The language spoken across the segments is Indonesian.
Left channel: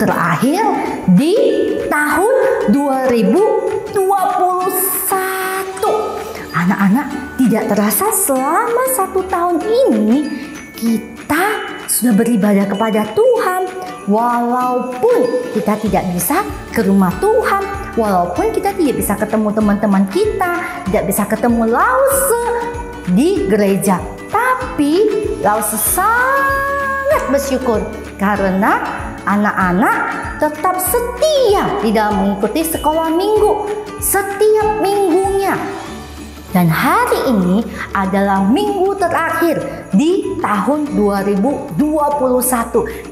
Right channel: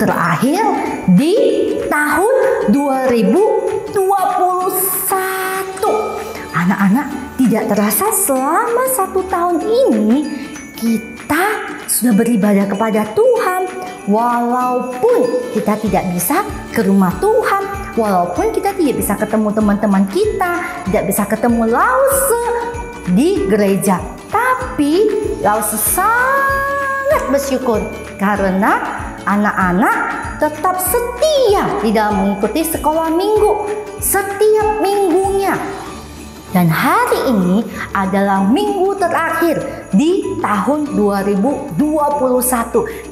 terakhir di tahun 2021. Anak-anak, tidak terasa selama 1 tahun ini kita sudah beribadah kepada Tuhan. Walaupun kita tidak bisa ke rumah Tuhan, walaupun kita tidak bisa ketemu teman-teman kita, tidak bisa ketemu Lause di gereja, tapi Lause sangat bersyukur karena anak-anak tetap setia di dalam mengikuti sekolah minggu setiap minggunya. Dan hari ini adalah minggu terakhir di tahun 2021.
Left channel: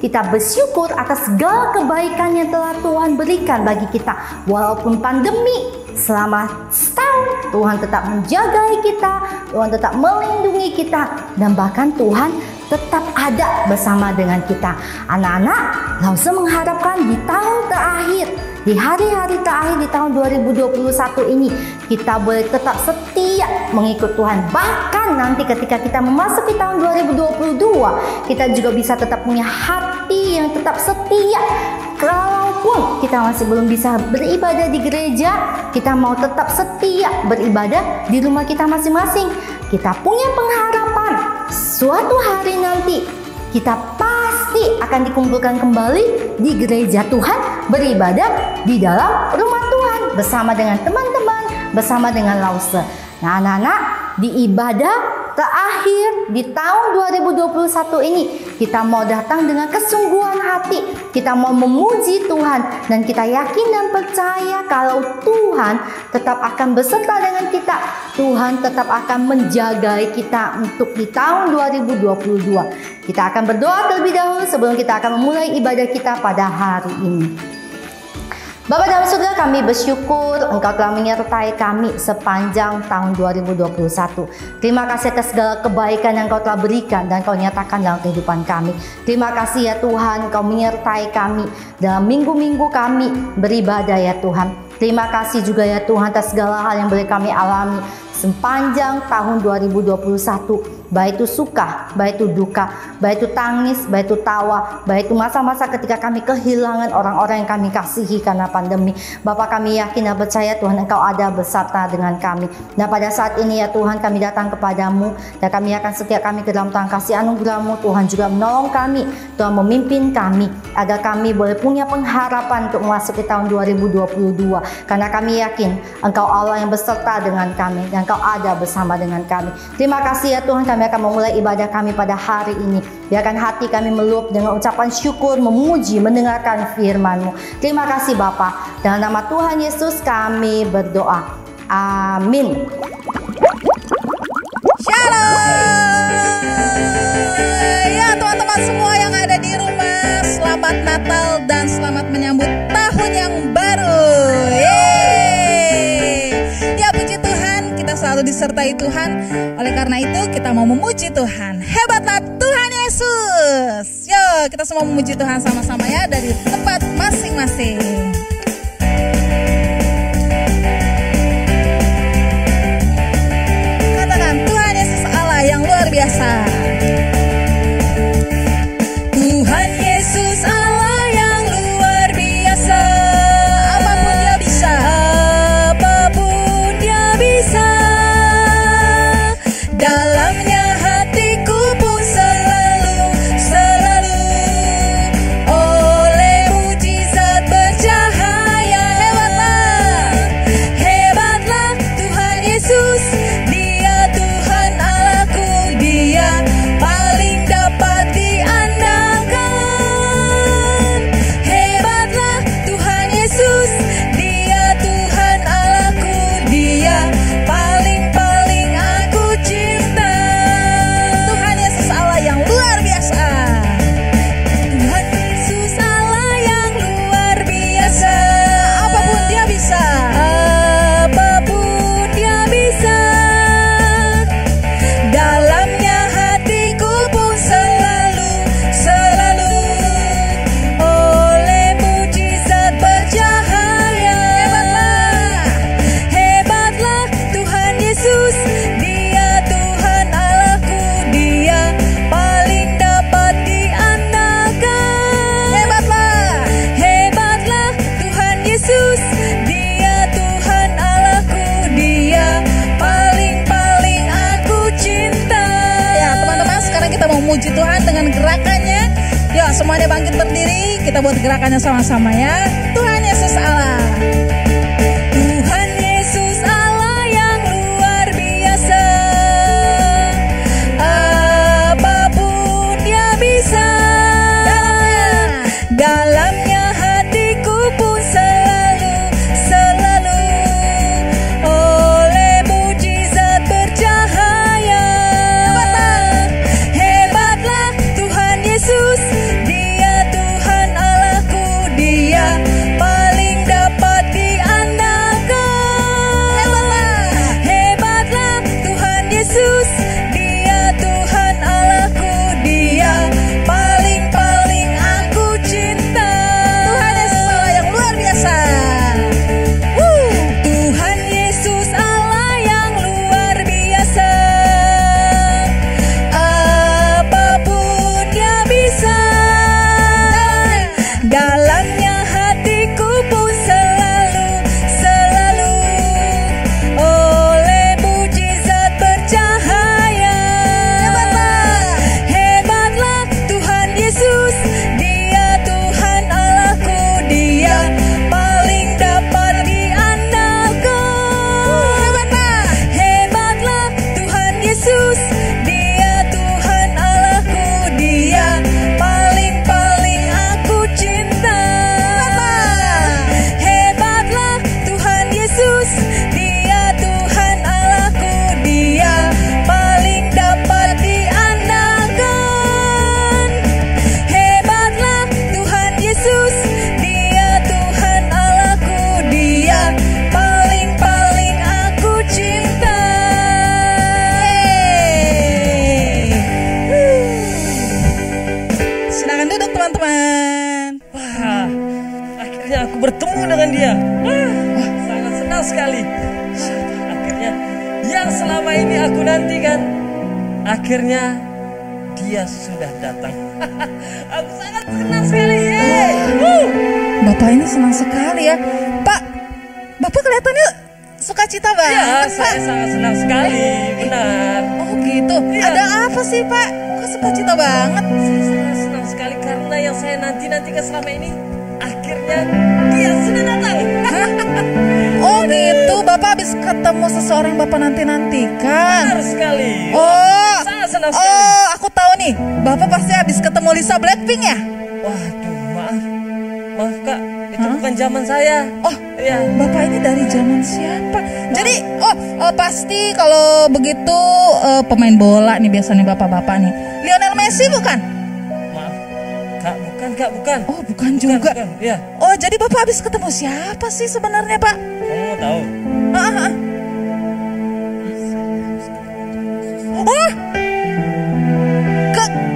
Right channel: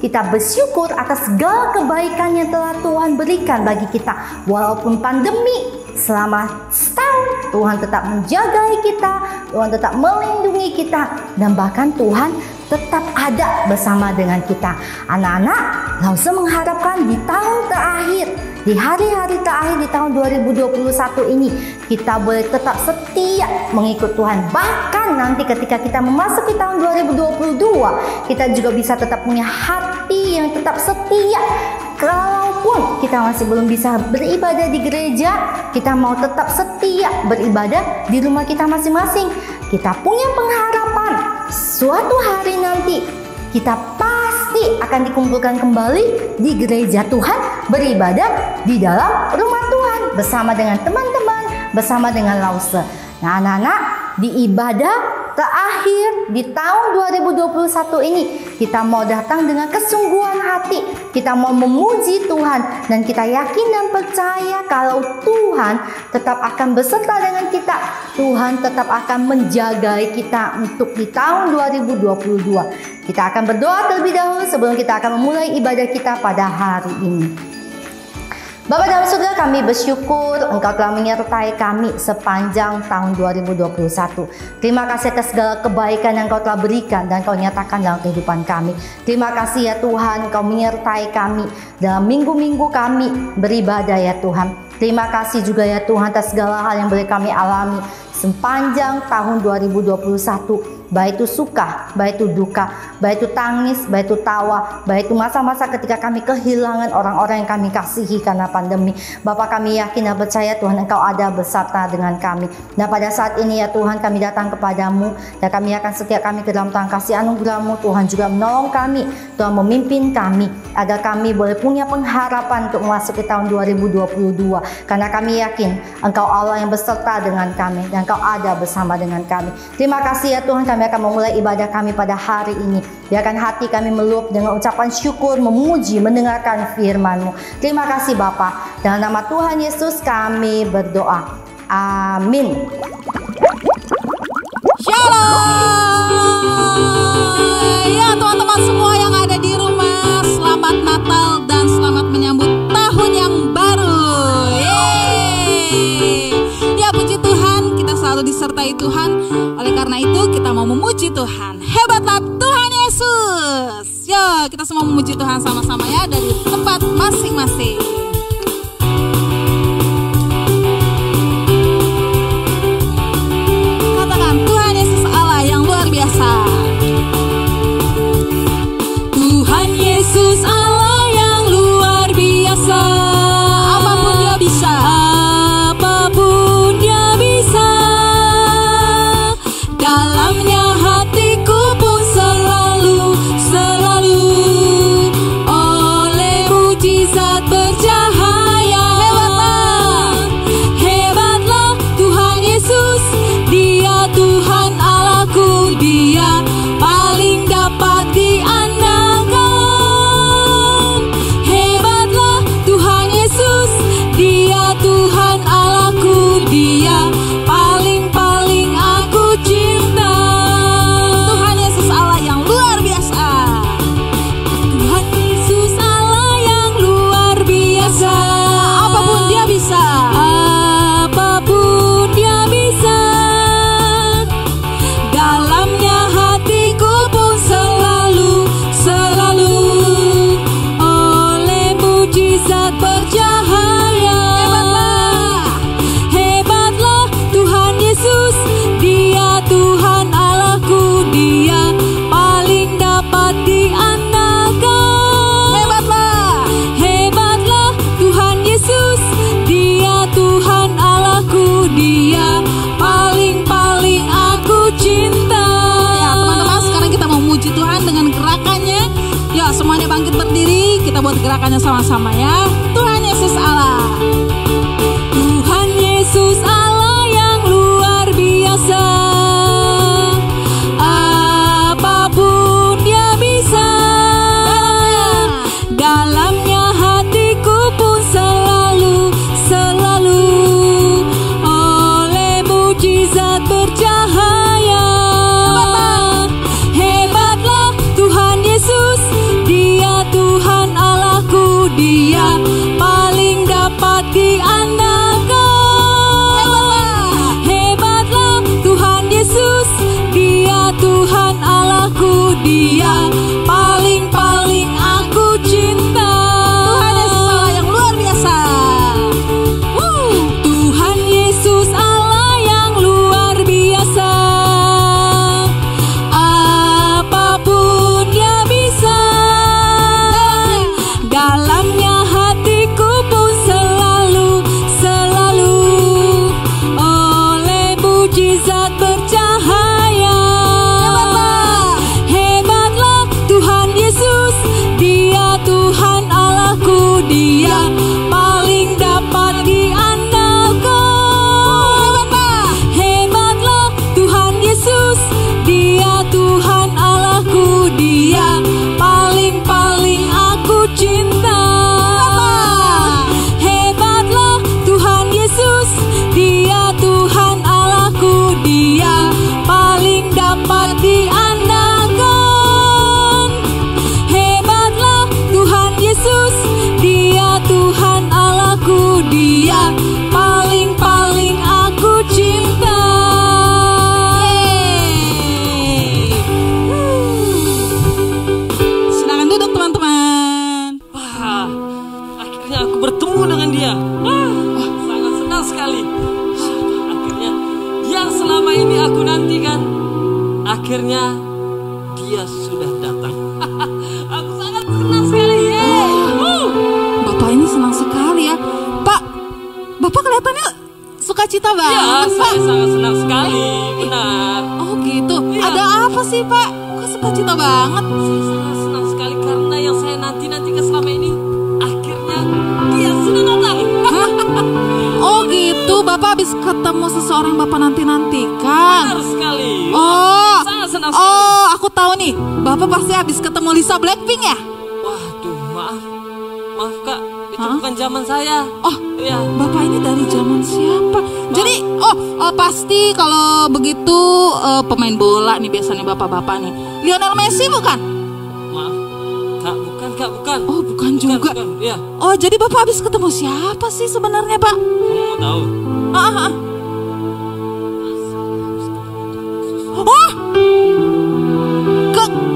Kita bersyukur atas segala kebaikan yang telah Tuhan berikan bagi kita. Walaupun pandemi selama setahun, Tuhan tetap menjaga kita, Tuhan tetap melindungi kita, dan bahkan Tuhan tetap ada bersama dengan kita. Anak-anak, Lause mengharapkan di tahun terakhir, di hari-hari terakhir di tahun 2021 ini, kita boleh tetap setia mengikut Tuhan. Bahkan nanti ketika kita memasuki tahun 2022, kita juga bisa tetap punya hati yang tetap setia. Kalaupun kita masih belum bisa beribadah di gereja, kita mau tetap setia beribadah di rumah kita masing-masing. Kita punya pengharapan suatu hari nanti kita pasti akan dikumpulkan kembali di gereja Tuhan, beribadah di dalam rumah Tuhan bersama dengan teman-teman, bersama dengan Lause. Nah, anak-anak, di ibadah terakhir di tahun 2021 ini, kita mau datang dengan kesungguhan hati. Kita mau memuji Tuhan, dan kita yakin dan percaya kalau Tuhan tetap akan beserta dengan kita. Tuhan tetap akan menjaga kita untuk di tahun 2022. Kita akan berdoa terlebih dahulu sebelum kita akan memulai ibadah kita pada hari ini. Bapa dalam surga, kami bersyukur Engkau telah menyertai kami sepanjang tahun 2021. Terima kasih atas segala kebaikan yang Engkau telah berikan dan Engkau nyatakan dalam kehidupan kami. Terima kasih ya Tuhan, Engkau menyertai kami dalam minggu-minggu kami beribadah ya Tuhan. Terima kasih juga ya Tuhan atas segala hal yang boleh kami alami sepanjang tahun 2021. Baik itu suka, baik itu duka, baik itu tangis, baik itu tawa, baik itu masa-masa ketika kami kehilangan orang-orang yang kami kasihi karena pandemi. Bapa, kami yakin dan percaya Tuhan Engkau ada beserta dengan kami. Dan pada saat ini ya Tuhan, kami datang kepadamu dan kami akan setia kami ke dalam tangan kasih anugerah-Mu. Tuhan juga menolong kami, Tuhan memimpin kami agar kami boleh punya pengharapan untuk memasuki tahun 2022. Karena kami yakin Engkau Allah yang beserta dengan kami dan Engkau ada bersama dengan kami. Terima kasih ya Tuhan, kami akan memulai ibadah kami pada hari ini. Biarkan hati kami meluap dengan ucapan syukur, memuji, mendengarkan firman-Mu. Terima kasih Bapa. Dalam nama Tuhan Yesus kami berdoa. Amin. Shalom. Ya teman-teman semua yang ada di rumah, selamat Natal dan selamat menyambut tahun yang baru. Yeay. Ya puji Tuhan, kita selalu disertai Tuhan. Oleh karena itu kita mau memuji Tuhan. Hebatlah Tuhan Yesus. Yuk kita semua memuji Tuhan sama-sama ya dari tempat masing-masing. Katakan Tuhan Yesus Allah yang luar biasa. Tuhan Yesus Allah yang luar biasa. Apapun Dia bisa. Apapun Dia bisa. Dalamnya hatiku pun selalu oleh mujizat dengan gerakannya. Yuk semuanya bangkit berdiri, kita buat gerakannya sama-sama ya. Tuhan Yesus Allah. Tuhan Yesus Allah yang luar biasa. Apapun Dia bisa. Dalamnya hatiku pun selalu oleh mujizat bercahaya. Hebatlah Tuhan Yesus, Dia Tuhan Allahku, Dia paling dapat diandalkan. Hebatlah Tuhan Yesus, Dia Tuhan Allahku, Dia paling aku cinta. Tuhan Yesus Allah yang luar biasa. Tuhan Yesus Allah yang luar biasa. Apapun Dia bisa. Dalamnya hatiku pun selalu oleh mujizat bercahaya. Hebatlah Tuhan Yesus, Dia Tuhan Allahku, Dia paling dapat diandalkan. Hebatlah Tuhan Yesus, Dia Tuhan Allahku, Dia paling aku cinta. Hebatlah Tuhan Yesus, Dia Tuhan Allahku, Dia paling dapat diandalkan. Hebatlah Tuhan Yesus, Dia Tuhan Allahku, Dia paling aku cinta. Silakan duduk teman-teman. Wah, akhirnya aku bertemu dengan dia. Wah, sangat senang sekali. Akhirnya yang selama ini aku nantikan, akhirnya dia sudah datang. Aku sangat senang sekali. Yeay. Bapak ini senang sekali ya. Pak, Bapak kelihatannya sukacita Ya, banget Pak. saya sangat senang sekali. Benar. Oh gitu, Iya. ada apa sih Pak? Kok sukacita banget? Saya sangat senang sekali karena yang saya nantikan selama ini, akhirnya dia sudah datang. Oh gitu, Bapak habis ketemu seseorang yang Bapak nantikan. Benar sekali. Oh, Sangat senang sekali. oh, aku tahu nih. Bapak pasti habis ketemu Lisa Blackpink ya? Waduh, maaf Kak, itu bukan zaman saya. Oh, Iya. Bapak ini dari zaman siapa? Jadi, pasti kalau begitu pemain bola nih biasanya bapak-bapak nih. Lionel Messi bukan? Maaf, Kak, bukan. Oh, bukan juga. Bukan. Iya, Oh, jadi Bapak habis ketemu siapa sih sebenarnya, Pak? kamu mau tahu? Ah. Oh,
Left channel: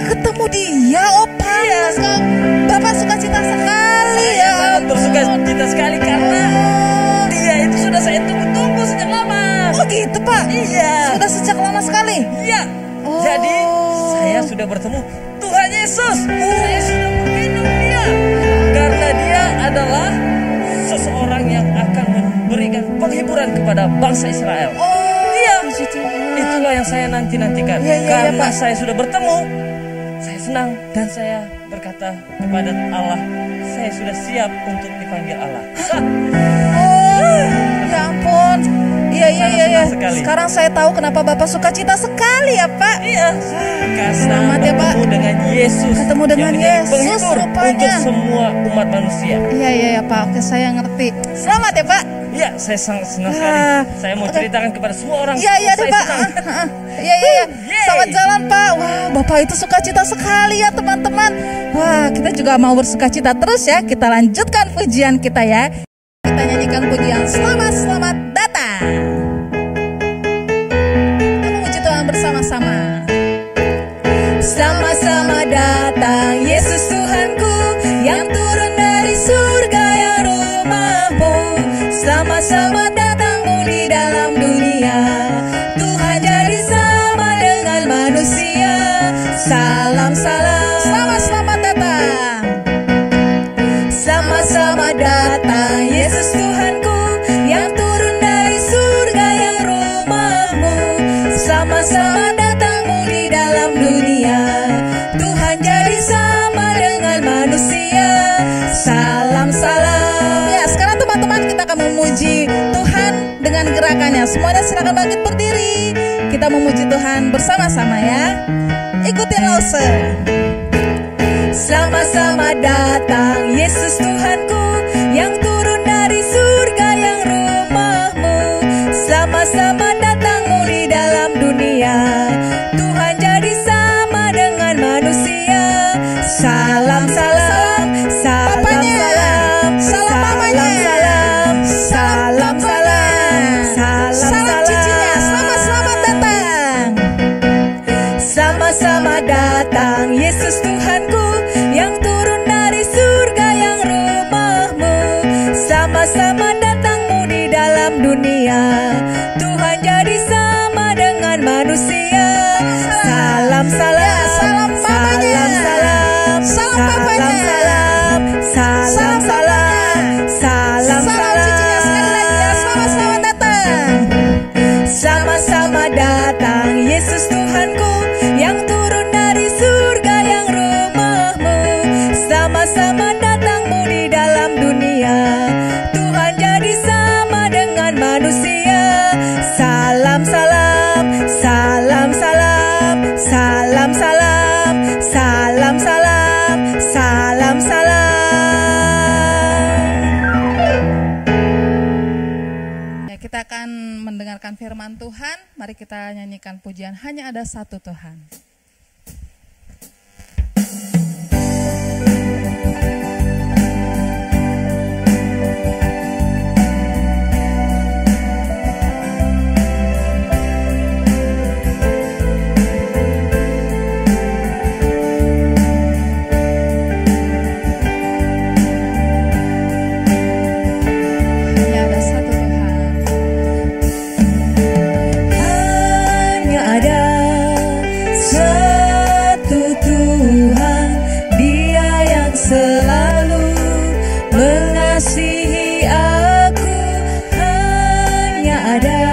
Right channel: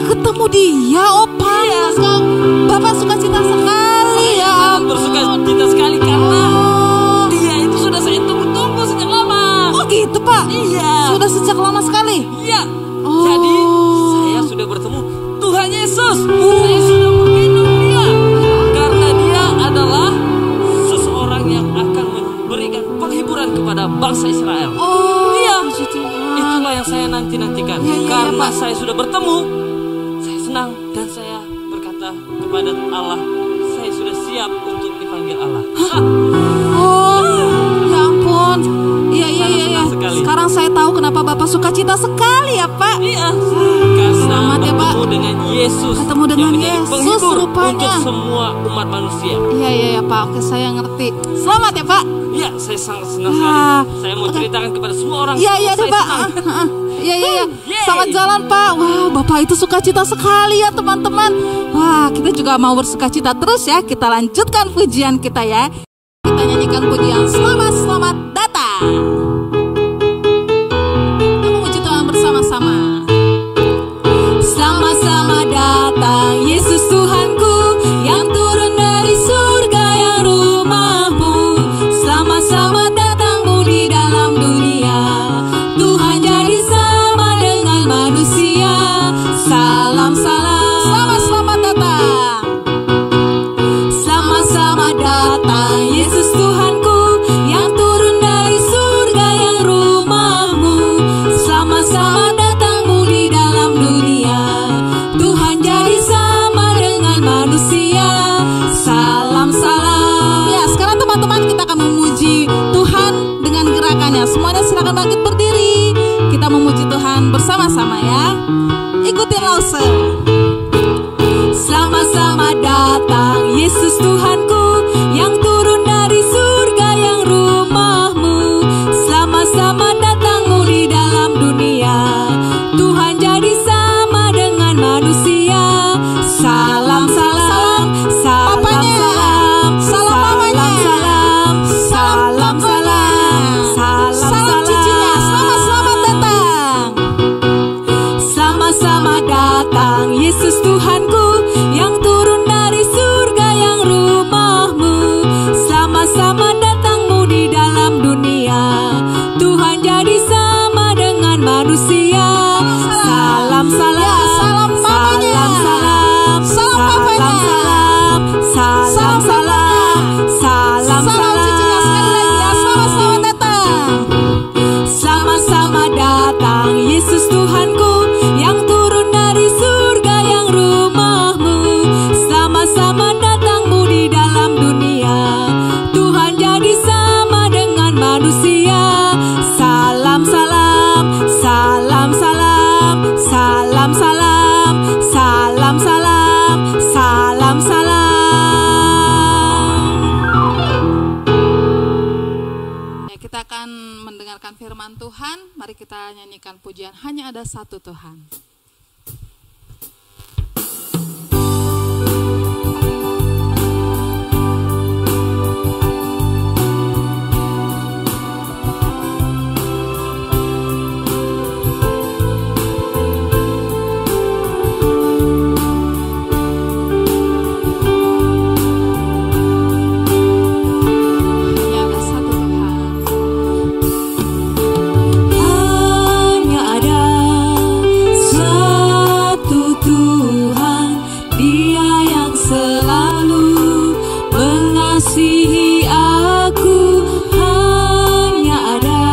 ketemu dia. Oh, pantas kok. Bapak suka cita sekali ya. Sangat bersuka cita sekali karena Oh. dia itu sudah saya tunggu-tunggu sejak lama. Oh, gitu, Pak. Iya. Sudah sejak lama sekali. Iya. Oh. Jadi saya sudah bertemu Tuhan Yesus. Saya sudah menggendong dia karena dia adalah seseorang yang akan memberikan penghiburan kepada bangsa Israel. Oh, Iya. puji Tuhan. Itulah yang saya nantikan. Iya, Karena Pak. saya sudah bertemu, saya senang dan saya berkata kepada Allah, saya sudah siap untuk dipanggil Allah. Oh, ya ampun. Iya. Senang sekali. Sekarang saya tahu kenapa Bapak suka cita sekali ya, Pak. Iya, karena Selamat ya, Pak. bertemu dengan Yesus. Ketemu dengan yang menjadi Yesus penghibur rupanya. untuk semua umat manusia. Iya, Pak. Oke, saya ngerti. Selamat ya, Pak. Iya, saya sangat senang Wah, sekali. Saya mau oke. ceritakan kepada semua orang. Iya, deh, saya Pak. senang. Iya. Yeay. Selamat jalan, Pak. Wah, Bapak itu suka cita sekali ya, teman-teman. Wah, kita juga mau bersuka cita terus ya. Kita lanjutkan pujian kita ya. Kita nyanyikan pujian selamat datang. Kita memuji Tuhan bersama-sama. Sama-sama datang Yesus Tuhanku yang turun dari surga yang rumahmu. Sama-sama datangmu di dalam dunia. Tuhan jadi sama dengan manusia. Salam Selamat datang. Sama-sama datang Yesus Tuhanku yang turun dari surga yang rumahmu. Sama-sama datangmu di dalam dunia. Tuhan semuanya. Semuanya silakan bangkit berdiri. Kita memuji Tuhan bersama-sama ya. Ikutin Lause. Sama-sama datang Yesus Tuhanku, yang turun dari surga yang rumahmu. Sama-sama datangmu di dalam dunia. Tuhan jadi sama dengan manusia. Salam, salam, salam, Papanya. salam, Salam mamanya. salam, salam, salam, salam, Salam cicinya. Selamat datang. Sama-sama datang Yesus Tuhanku, yang turun dari surga yang rumahmu. Sama-sama datangmu di dalam dunia. Tuhan jadi sama dengan manusia. Salam, salam, Ya, salam mamanya. salam, salam, Salam papanya. salam, salam, Salam salam, salam, Salam cicinya sekali lagi ya. Selamat datang. Sama-sama datang Yesus Tuhanku, yang turun dari surga yang rumahmu. Sama-sama datangmu di dalam dunia. Tuhan jadi sama dengan manusia. Salam, salam, salam, salam, salam, salam, salam, salam, salam, salam. Ya, kita akan mendengarkan firman Tuhan. Mari kita nyanyikan pujian Hanya Ada Satu Tuhan. Hanya ada satu Tuhan. Hanya ada satu Tuhan, Dia yang selalu mengasihi aku. Hanya ada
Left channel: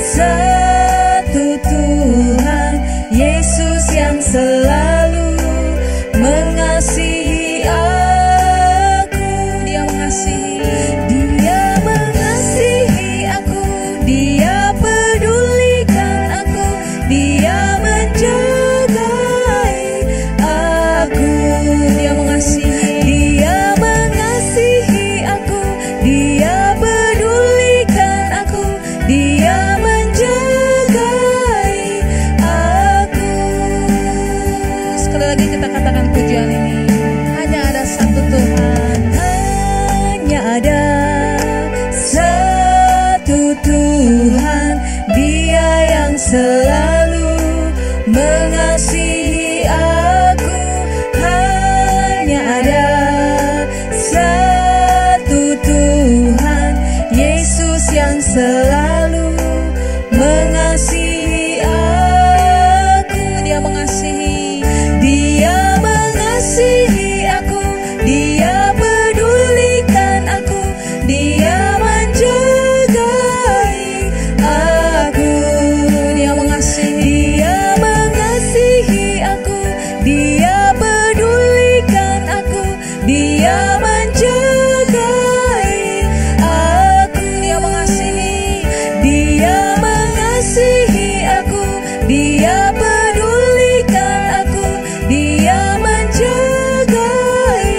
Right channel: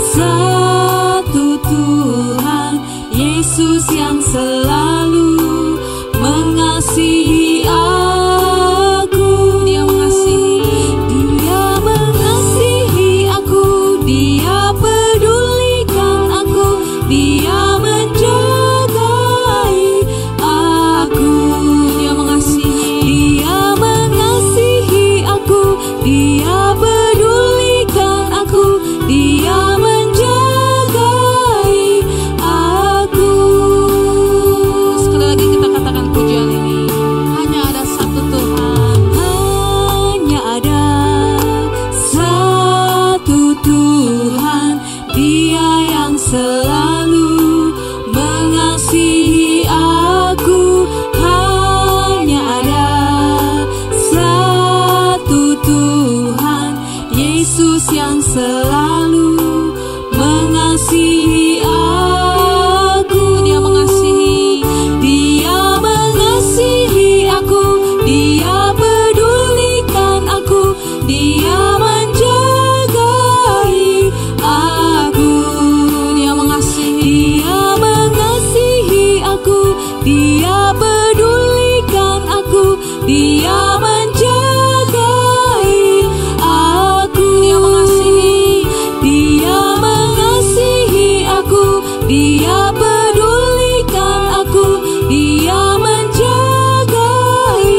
satu Tuhan, Yesus yang selalu mengasihi aku. Dia mengasihi. Dia mengasihi aku, Dia pedulikan aku, Dia menjagai aku. Dia mengasihi. Dia mengasihi aku, Dia pedulikan aku, Dia menjagai aku. Sekali lagi kita katakan pujian ini. Hanya ada satu Tuhan. Hanya ada satu Tuhan, Dia yang selalu mengasihi aku. Hanya ada satu Tuhan, Yesus yang selalu mengasihi aku. Dia mengasihi. Dia mengasihi aku, Dia pedulikan aku, Dia menjagai aku. Dia mengasihi. Dia mengasihi aku, Dia pedulikan aku, Dia menjagai aku. Dia mengasihi. Dia mengasihi aku, Dia pedulikan aku, Dia menjagai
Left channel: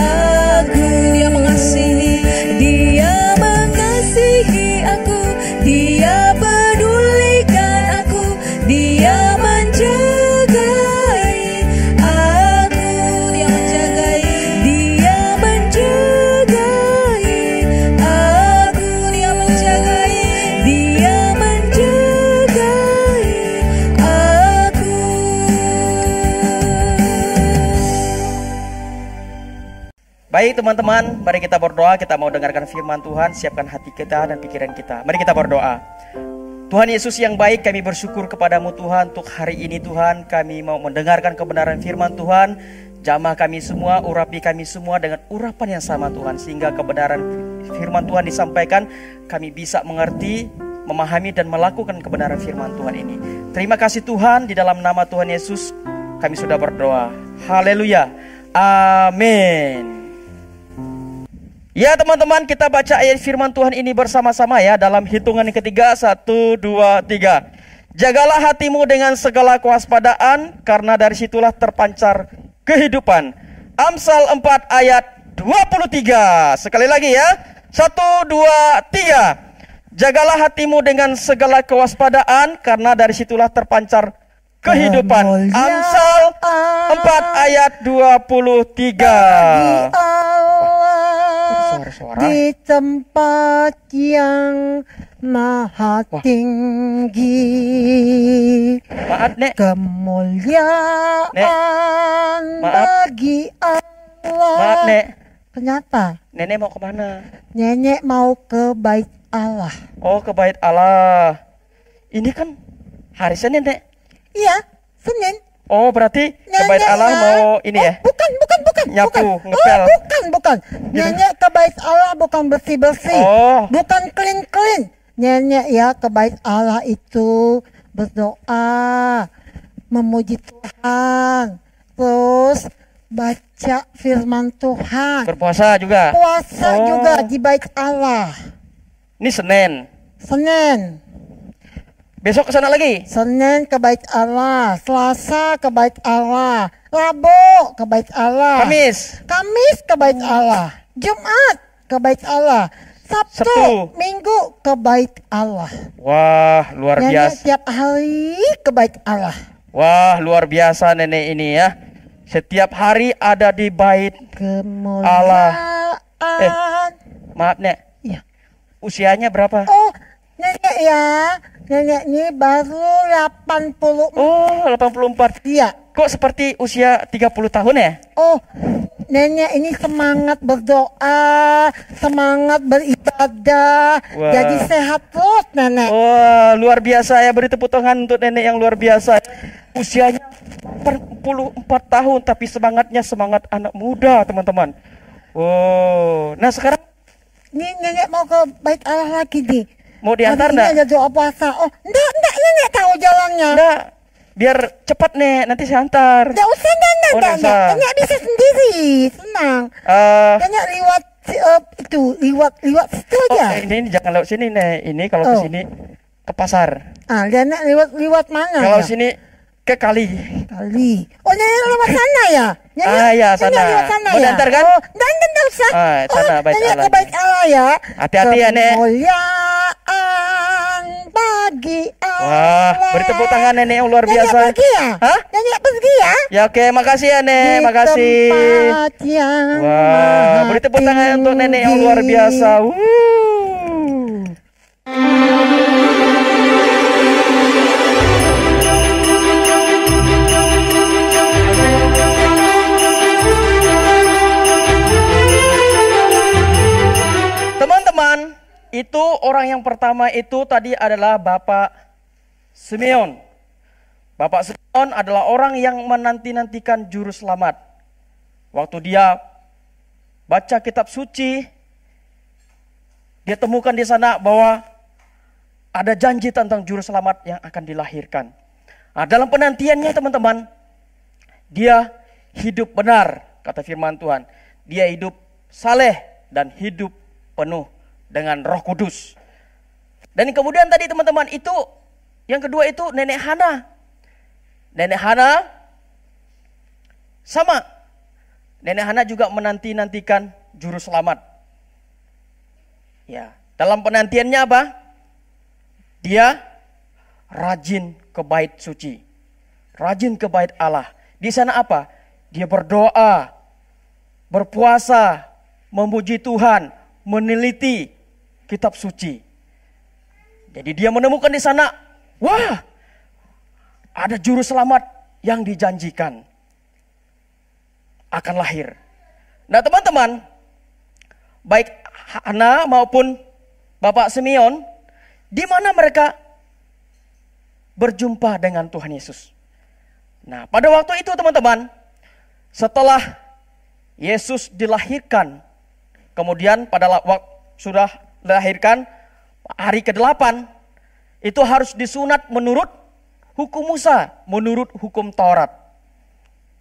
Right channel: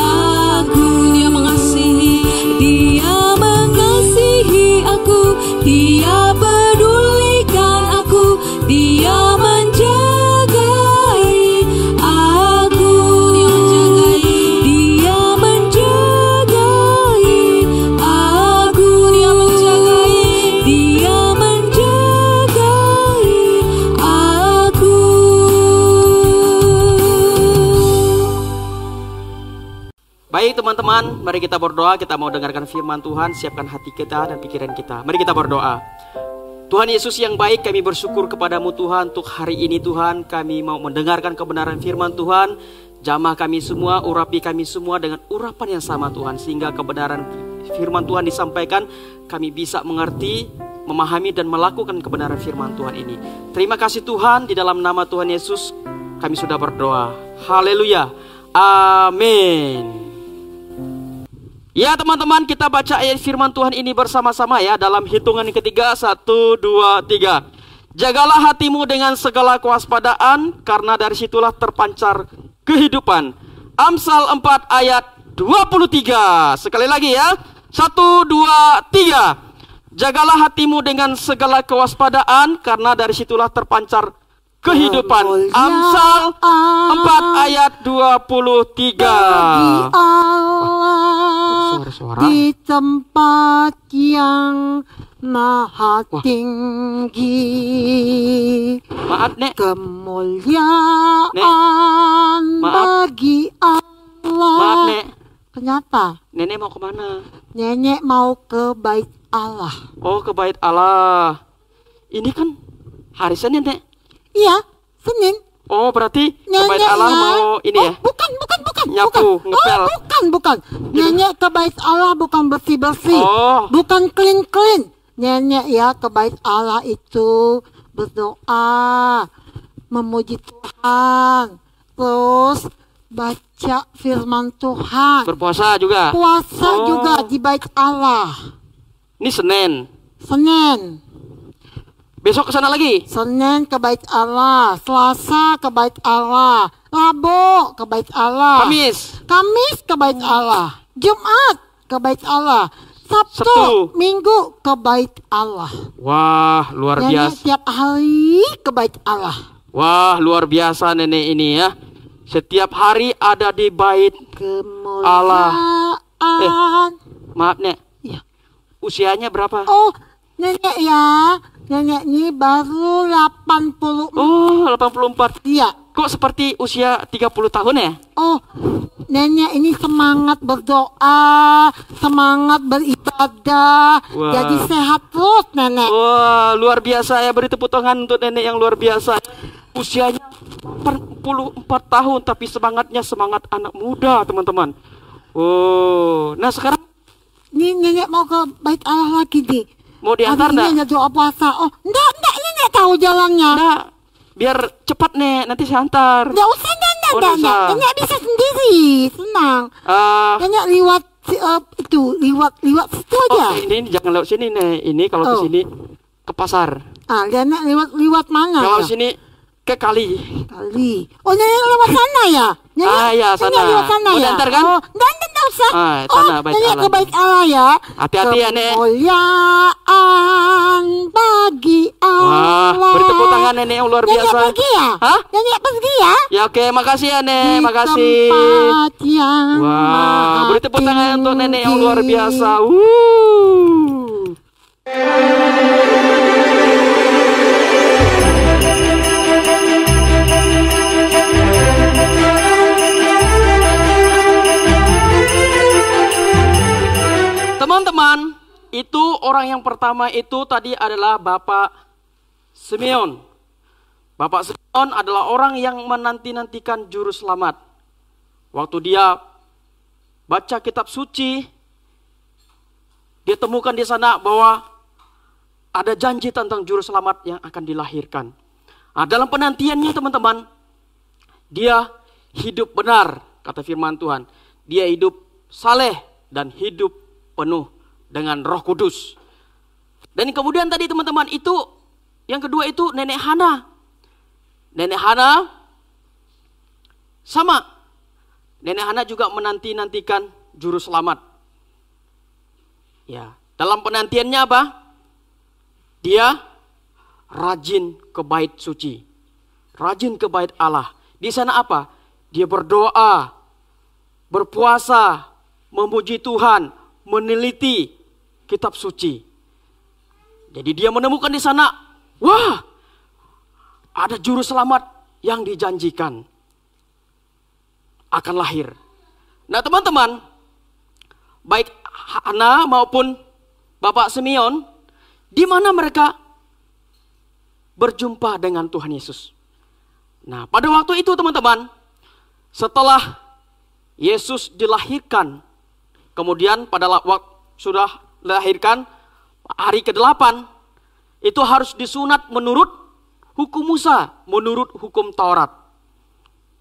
aku. Dia mengasihi. Dia mengasihi aku, Dia pedulikan aku, Dia menjagai aku. Dia menjagai. Dia menjagai aku. Dia menjagai. Dia menjagai aku. Baik teman-teman, mari kita berdoa. Kita mau dengarkan firman Tuhan. Siapkan hati kita dan pikiran kita. Mari kita berdoa. Tuhan Yesus yang baik, kami bersyukur kepadamu Tuhan. Untuk hari ini Tuhan, kami mau mendengarkan kebenaran firman Tuhan. Jamah kami semua, urapi kami semua dengan urapan yang sama Tuhan. Sehingga kebenaran firman Tuhan disampaikan, kami bisa mengerti, memahami dan melakukan kebenaran firman Tuhan ini. Terima kasih Tuhan, di dalam nama Tuhan Yesus kami sudah berdoa. Haleluya. Amin. Ya teman-teman, kita baca ayat firman Tuhan ini bersama-sama ya. Dalam hitungan yang ketiga, 1, 2, 3. Jagalah hatimu dengan segala kewaspadaan, karena dari situlah terpancar kehidupan. Amsal 4 ayat 23. Sekali lagi ya. 1, 2, 3. Jagalah hatimu dengan segala kewaspadaan, karena dari situlah terpancar kehidupan. Amsal 4 ayat 23. Suara-suara. Di tempat yang maha tinggi, Maaf Nek. kemuliaan Maaf. bagi Allah. Maaf Nek. Kenapa? Nenek mau kemana? Nenek mau ke bait Allah. Oh, ke bait Allah. Ini kan hari Senin Nek. Iya, Senin. Oh, berarti ke bait Nenek Allah ya. mau ini ya? Bukan. Nyapu, bukan. ngepel. Oh, bukan. Nenek ke bait Allah bukan bersih-bersih. Oh. Bukan clean. Nenek ya ke bait Allah itu berdoa, memuji Tuhan, terus baca firman Tuhan. Berpuasa juga. Puasa Oh. juga di bait Allah. Ini Senin. Senin. Besok ke sana lagi. Senin ke bait Allah, Selasa ke bait Allah, Rabu ke bait Allah, Kamis. Kamis ke bait Allah, Jumat ke bait Allah, Sabtu, Sabtu. Minggu ke bait Allah. Wah, luar Nenek biasa. tiap hari ke bait Allah. Wah, luar biasa nenek ini ya. Setiap hari ada di bait. Kemuliaan. Maaf Nek. Iya. Usianya berapa? Oh, nenek ya. Nenek ini baru 80. Oh, 84. Iya. Kok seperti usia 30 tahun ya? Oh, nenek ini semangat berdoa, semangat beribadah, Wah. jadi sehat terus nenek. Wah, luar biasa ya. Beri tepuk tangan untuk nenek yang luar biasa. Usianya 44 tahun, tapi semangatnya semangat anak muda, teman-teman. Oh, nah sekarang Ini nenek mau ke bait Allah lagi nih. mau diantar Hari ini enggak? ada doa puasa. Oh, enggak, nenek tahu jalannya. Enggak, biar cepat nek, nanti saya antar. Enggak usah, Oh, nenek. nggak usah. Nenek bisa sendiri, tenang. Eh, Nenek liwat liwat situ oh, aja. ini jangan lewat sini nek. Ini kalau ke Oh. sini ke pasar. Ah, nenek liwat mana? Kalau ya? sini ke kali. Kali. Oh, nenek lewat sana ya? Nenek, Ah, ya, sana. Nenek lewat sana Mau ya? diantar kan? Oh, enggak usah. Ah, sana, bait nenek Allah. ke bait Allah ya. Hati-hati ya, Nek. Kemuliaan bagi Allah. Wah, beri tepuk tangan nenek yang luar biasa. Nenek pergi ya? Hah? Nenek pergi ya? Ya oke, makasih ya nek, Di makasih. tempat yang Wah, maha beri tepuk tangan untuk nenek yang luar tinggi. biasa. Teman-teman, itu orang yang pertama itu tadi adalah Bapak Simeon. Bapak Simeon adalah orang yang menanti-nantikan juru selamat. Waktu dia baca kitab suci, dia temukan di sana bahwa ada janji tentang juru selamat yang akan dilahirkan. Nah, dalam penantiannya teman-teman, dia hidup benar, kata firman Tuhan. Dia hidup saleh dan hidup penuh dengan Roh Kudus. Dan kemudian tadi teman-teman itu, yang kedua itu Nenek Hana. Nenek Hana sama. Nenek Hana juga menanti-nantikan juru selamat. Ya, dalam penantiannya apa? Dia rajin ke bait suci. Rajin ke bait Allah. Di sana apa? Dia berdoa, berpuasa, memuji Tuhan, meneliti kitab suci. Jadi dia menemukan di sana, wah, ada juru selamat yang dijanjikan akan lahir. Nah teman-teman, baik Hana maupun Bapak Simeon, di mana mereka berjumpa dengan Tuhan Yesus. Nah pada waktu itu teman-teman, setelah Yesus dilahirkan, kemudian pada waktu sudah dilahirkan hari ke-8, itu harus disunat menurut hukum Musa, menurut hukum Taurat.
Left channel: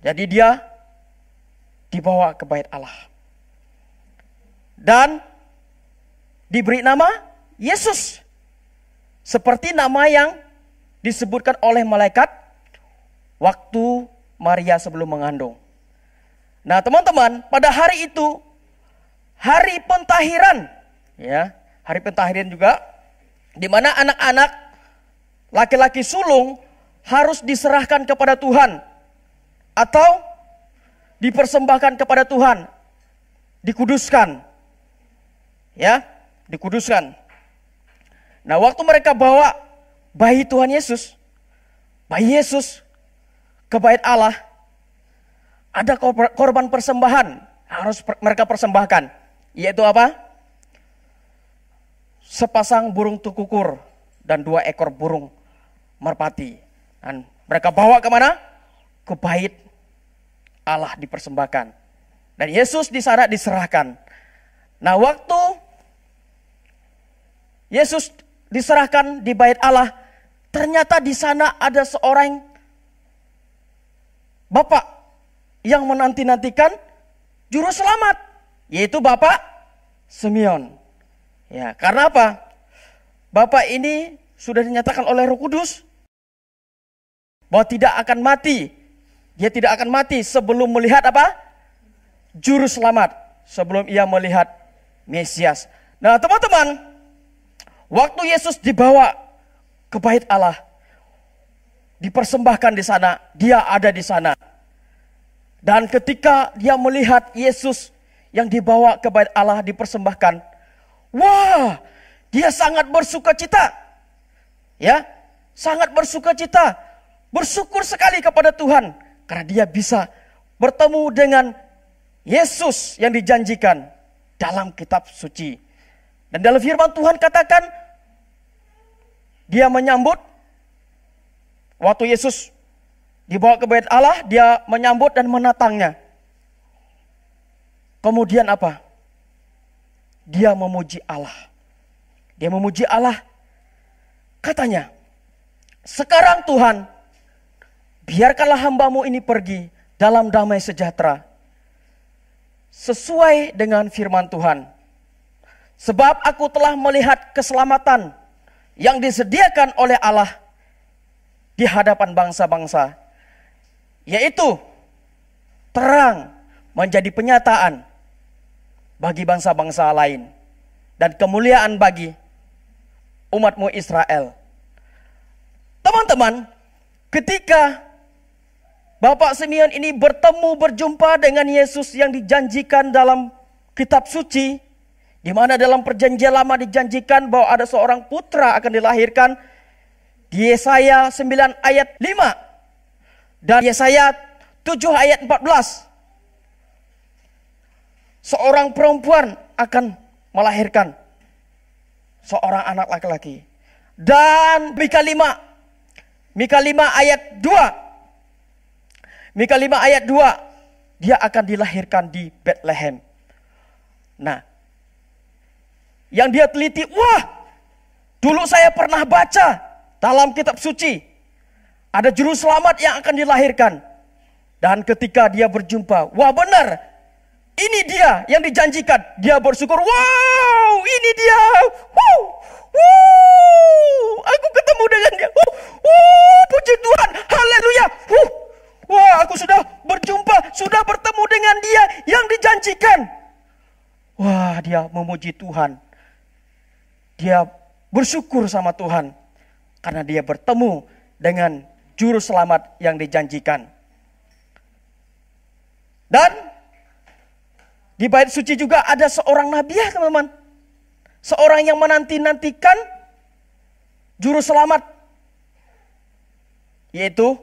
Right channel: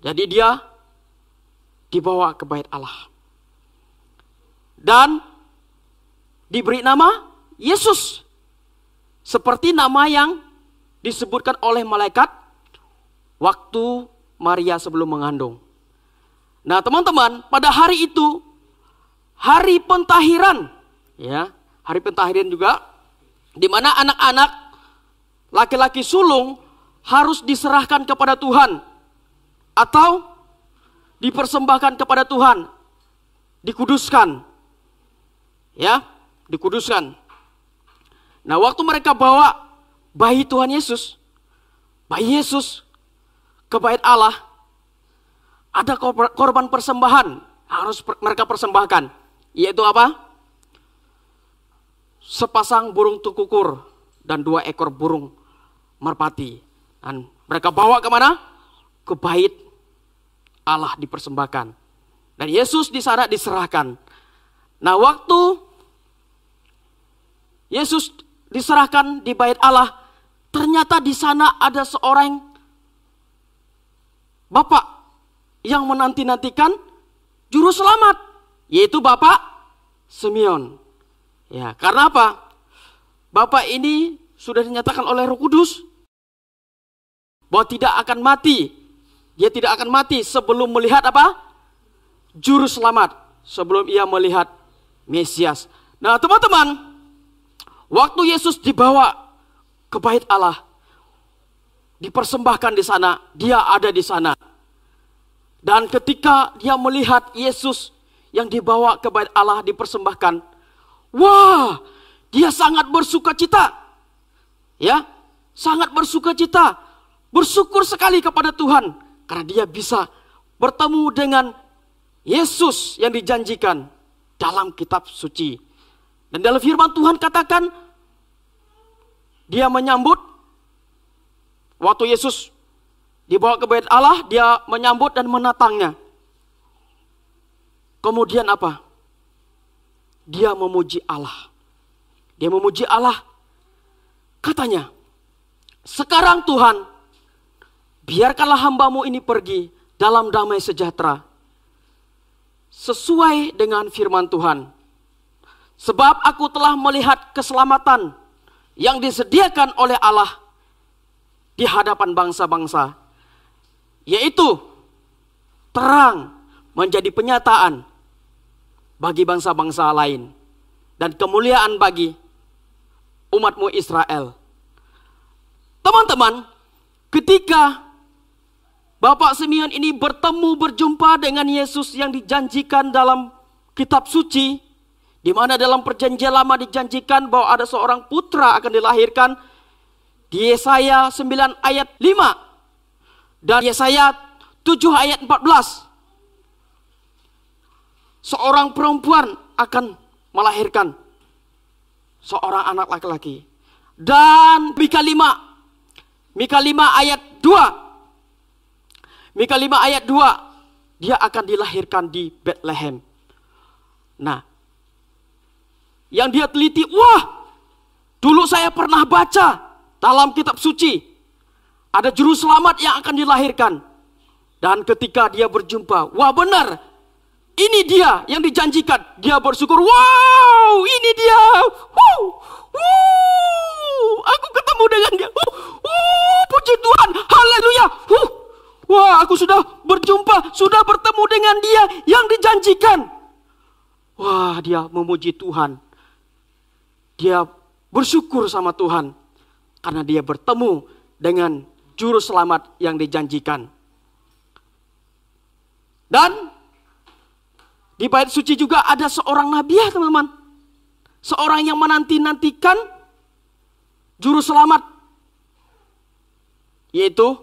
Jadi dia dibawa ke bait Allah. dan diberi nama Yesus. Seperti nama yang disebutkan oleh malaikat waktu Maria sebelum mengandung. Nah, teman-teman, pada hari itu hari pentahiran, ya, hari pentahiran juga, di mana anak-anak laki-laki sulung harus diserahkan kepada Tuhan atau dipersembahkan kepada Tuhan, dikuduskan, ya, dikuduskan. Nah, waktu mereka bawa bayi Tuhan Yesus, bayi Yesus ke bait Allah, ada korban persembahan harus mereka persembahkan, yaitu apa? Sepasang burung tukukur dan 2 ekor burung merpati. Dan mereka bawa kemana? Ke bait Allah dipersembahkan. Dan Yesus di sana diserahkan. Nah, waktu Yesus diserahkan di bait Allah, ternyata di sana ada seorang bapak yang menanti-nantikan juru selamat, yaitu Bapak Simeon. Ya, karena apa? Bapak ini sudah dinyatakan oleh Roh Kudus bahwa tidak akan mati. Dia tidak akan mati sebelum melihat apa? Juru selamat, sebelum ia melihat Mesias. Nah, teman-teman, waktu Yesus dibawa ke bait Allah, dipersembahkan di sana, dia ada di sana. Dan ketika dia melihat Yesus yang dibawa ke bait Allah dipersembahkan, wah, dia sangat bersukacita. Ya, sangat bersukacita. Bersyukur sekali kepada Tuhan karena dia bisa bertemu dengan Yesus yang dijanjikan dalam kitab suci. Dan dalam firman Tuhan katakan, dia menyambut waktu Yesus dibawa ke bait Allah, dia menyambut dan menatangnya. Kemudian apa? Dia memuji Allah. Dia memuji Allah. Katanya, sekarang Tuhan, biarkanlah hamba-Mu ini pergi dalam damai sejahtera, sesuai dengan firman Tuhan. Sebab aku telah melihat keselamatan yang disediakan oleh Allah di hadapan bangsa-bangsa, yaitu terang menjadi penyataan bagi bangsa-bangsa lain dan kemuliaan bagi umat-Mu Israel. Teman-teman, ketika Bapak Simeon ini berjumpa dengan Yesus yang dijanjikan dalam kitab suci, di mana dalam perjanjian lama dijanjikan bahwa ada seorang putra akan dilahirkan, di Yesaya 9 ayat 5 dan Yesaya 7 ayat 14. Seorang perempuan akan melahirkan seorang anak laki-laki. Dan Mika 5 ayat 2. Mika 5 ayat 2, dia akan dilahirkan di Bethlehem. Nah, yang dia teliti, wah, dulu saya pernah baca dalam kitab suci, ada juru selamat yang akan dilahirkan. Dan ketika dia berjumpa, wah benar, ini dia yang dijanjikan. Dia bersyukur, wow, ini dia. Aku ketemu dengan dia. Puji Tuhan, haleluya. Wah, aku sudah berjumpa, sudah bertemu dengan dia yang dijanjikan. Wah, dia memuji Tuhan. Dia bersyukur sama Tuhan karena dia bertemu dengan juru selamat yang dijanjikan. Dan di bait suci juga ada seorang nabi, ya teman-teman. Seorang yang menanti-nantikan juru selamat, yaitu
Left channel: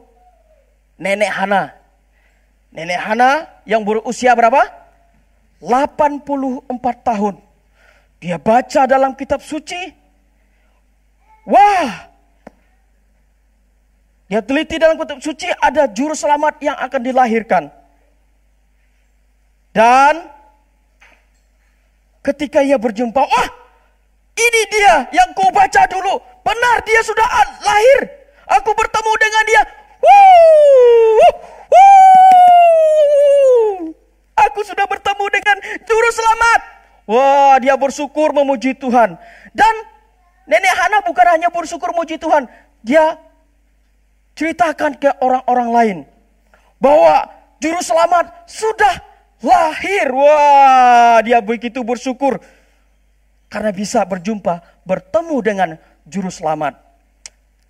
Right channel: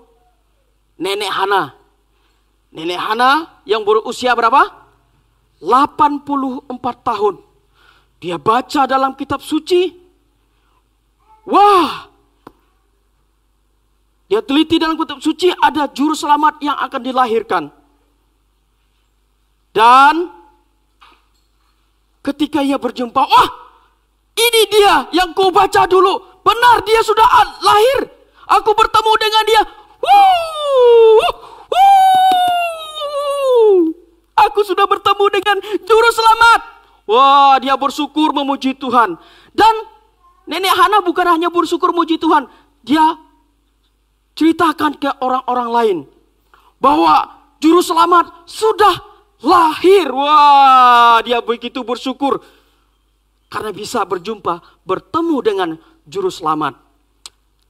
Nenek Hana. Nenek Hana yang berusia berapa? 84 tahun. Dia baca dalam kitab suci. Wah, dia teliti dalam kitab suci, ada juru selamat yang akan dilahirkan. Dan ketika ia berjumpa, wah, ini dia yang ku baca dulu. Benar, dia sudah lahir. Aku bertemu dengan dia. Aku sudah bertemu dengan juru selamat. Wah, dia bersyukur memuji Tuhan. Dan nenek Hana bukan hanya bersyukur memuji Tuhan, dia ceritakan ke orang-orang lain bahwa juru selamat sudah lahir. Wah, dia begitu bersyukur karena bisa bertemu dengan juru selamat.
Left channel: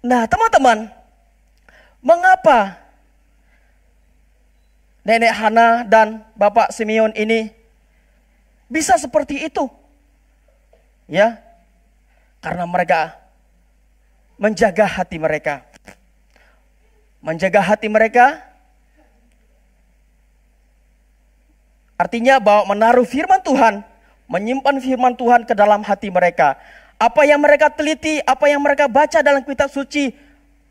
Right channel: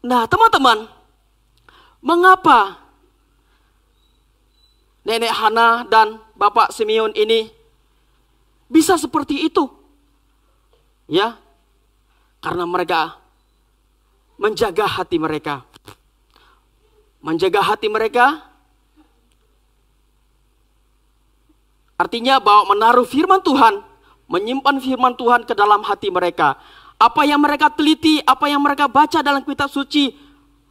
Nah, teman-teman, mengapa nenek Hana dan Bapak Simeon ini bisa seperti itu? Ya, karena mereka menjaga hati mereka. Menjaga hati mereka artinya bahwa menaruh firman Tuhan, menyimpan firman Tuhan ke dalam hati mereka. Apa yang mereka teliti, apa yang mereka baca dalam kitab suci,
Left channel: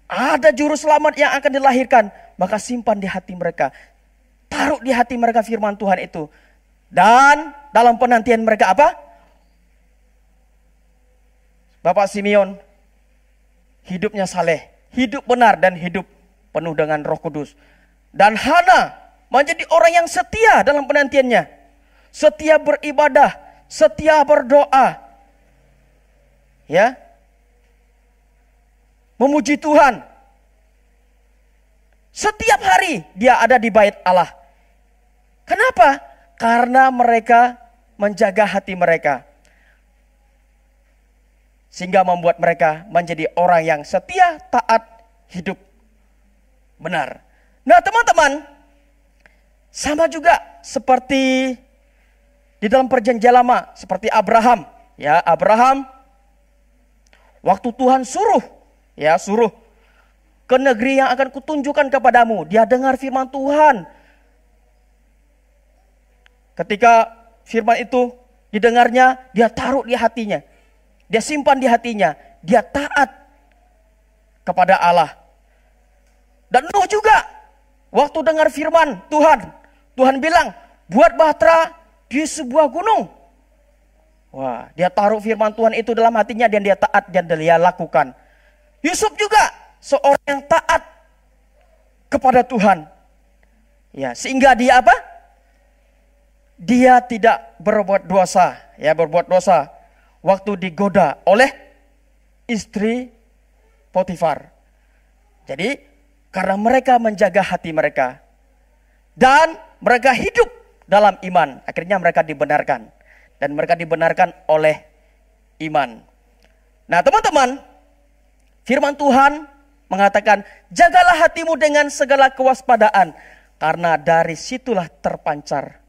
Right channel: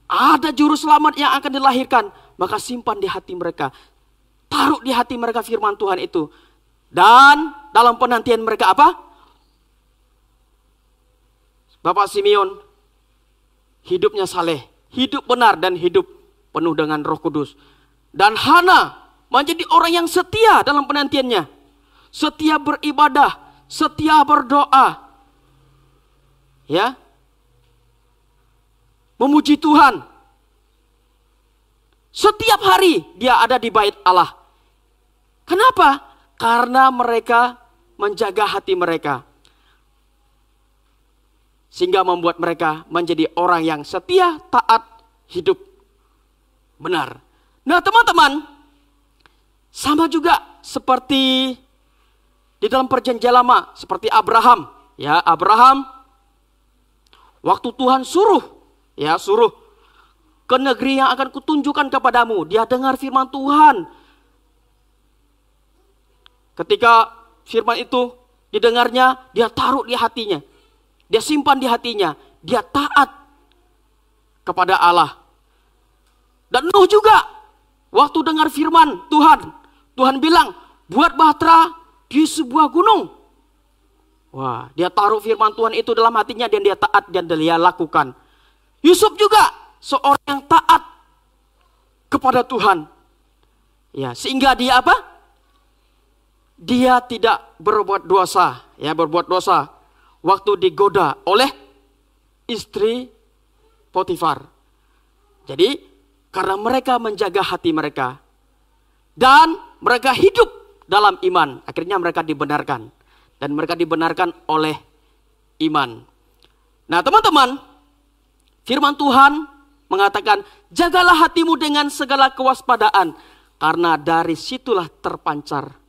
ada juru selamat yang akan dilahirkan, maka simpan di hati mereka. Taruh di hati mereka firman Tuhan itu. Dan dalam penantian mereka apa? Bapak Simeon hidupnya saleh, hidup benar dan hidup penuh dengan Roh Kudus. Dan Hana menjadi orang yang setia dalam penantiannya. Setia beribadah, setia berdoa. Ya. Memuji Tuhan. Setiap hari dia ada di bait Allah. Kenapa? Karena mereka menjaga hati mereka. Sehingga membuat mereka menjadi orang yang setia, taat, hidup benar. Nah, teman-teman, sama juga seperti di dalam perjanjian lama, seperti Abraham. Ya, Abraham waktu Tuhan suruh ke negeri yang akan kutunjukkan kepadamu, dia dengar firman Tuhan. Ketika firman itu didengarnya, dia taruh di hatinya. Dia simpan di hatinya, dia taat kepada Allah. Dan Nuh juga, waktu dengar firman Tuhan, Tuhan bilang, buat bahtera di sebuah gunung. Wah, dia taruh firman Tuhan itu dalam hatinya dan dia taat dan dia lakukan. Yusuf juga seorang yang taat kepada Tuhan. Ya, sehingga dia apa? Dia tidak berbuat dosa, waktu digoda oleh istri Potifar. Jadi karena mereka menjaga hati mereka dan mereka hidup dalam iman, akhirnya mereka dibenarkan dan mereka dibenarkan oleh iman. Nah, teman-teman, firman Tuhan mengatakan, jagalah hatimu dengan segala kewaspadaan karena dari situlah terpancar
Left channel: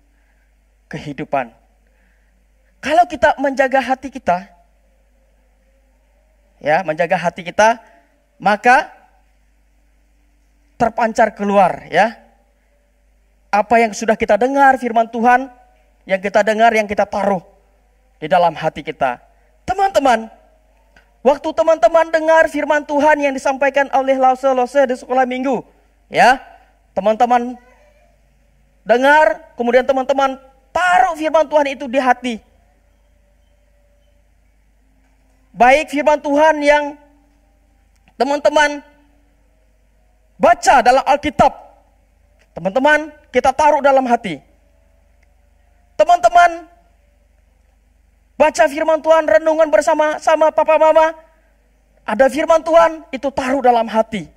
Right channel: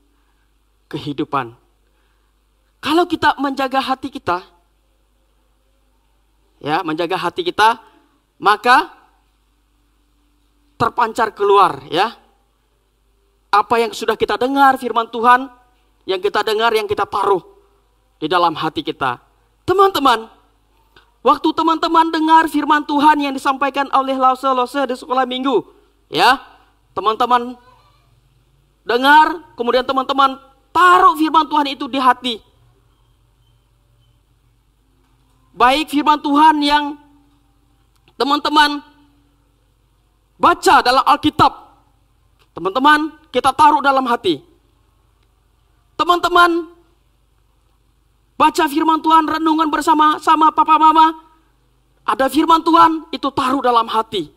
kehidupan. Kalau kita menjaga hati kita, ya, menjaga hati kita, maka terpancar keluar, ya. Apa yang sudah kita dengar firman Tuhan, yang kita dengar, yang kita taruh di dalam hati kita. Teman-teman, waktu teman-teman dengar firman Tuhan yang disampaikan oleh lause-lause di sekolah minggu, ya, teman-teman dengar, kemudian teman-teman taruh firman Tuhan itu di hati. Baik firman Tuhan yang teman-teman baca dalam Alkitab, teman-teman kita taruh dalam hati. Teman-teman baca firman Tuhan, renungan bersama papa mama, ada firman Tuhan itu taruh dalam hati.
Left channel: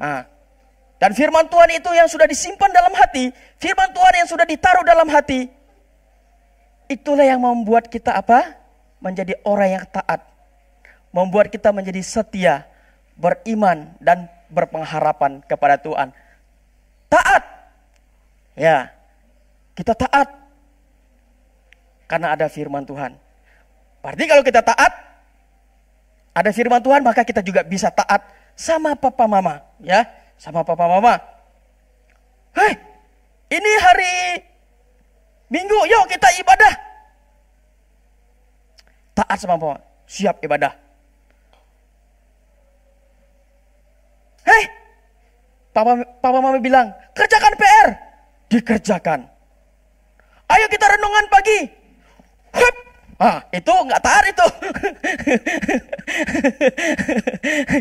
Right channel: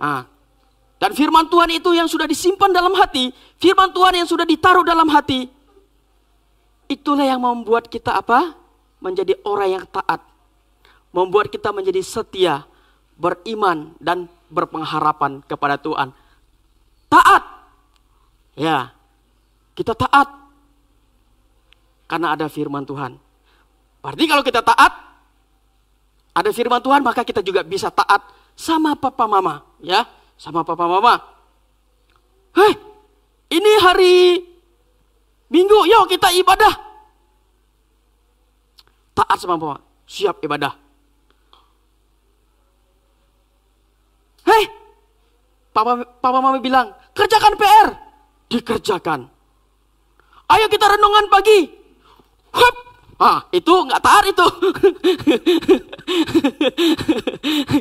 Nah, dan firman Tuhan itu yang sudah disimpan dalam hati, firman Tuhan yang sudah ditaruh dalam hati, itulah yang membuat kita apa? Menjadi orang yang taat. Membuat kita menjadi setia, beriman, dan berpengharapan kepada Tuhan. Taat. Ya, kita taat. Karena ada firman Tuhan. Berarti kalau kita taat, ada firman Tuhan, maka kita juga bisa taat sama papa mama. Ya, sama papa mama. Hei, ini hari Minggu, yuk kita ibadah. Taat sama papa, siap ibadah. Hei, papa mama bilang, kerjakan PR. Dikerjakan. Ayo kita renungan pagi. Hup. Itu nggak taat itu.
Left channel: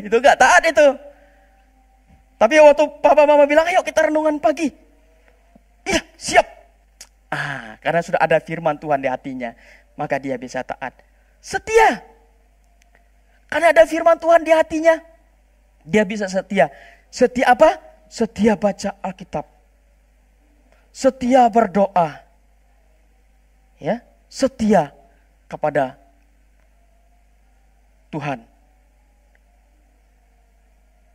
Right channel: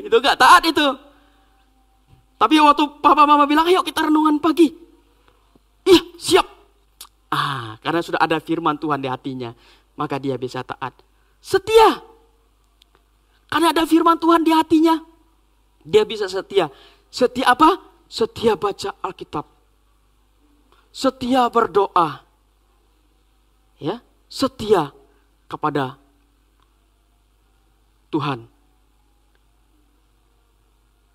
Itu nggak taat itu. Tapi waktu papa mama bilang, ayo kita renungan pagi. Iya, siap. Karena sudah ada firman Tuhan di hatinya, maka dia bisa taat. Setia. Karena ada firman Tuhan di hatinya, dia bisa setia. Setia apa? Setia baca Alkitab. Setia berdoa. Ya, setia kepada Tuhan.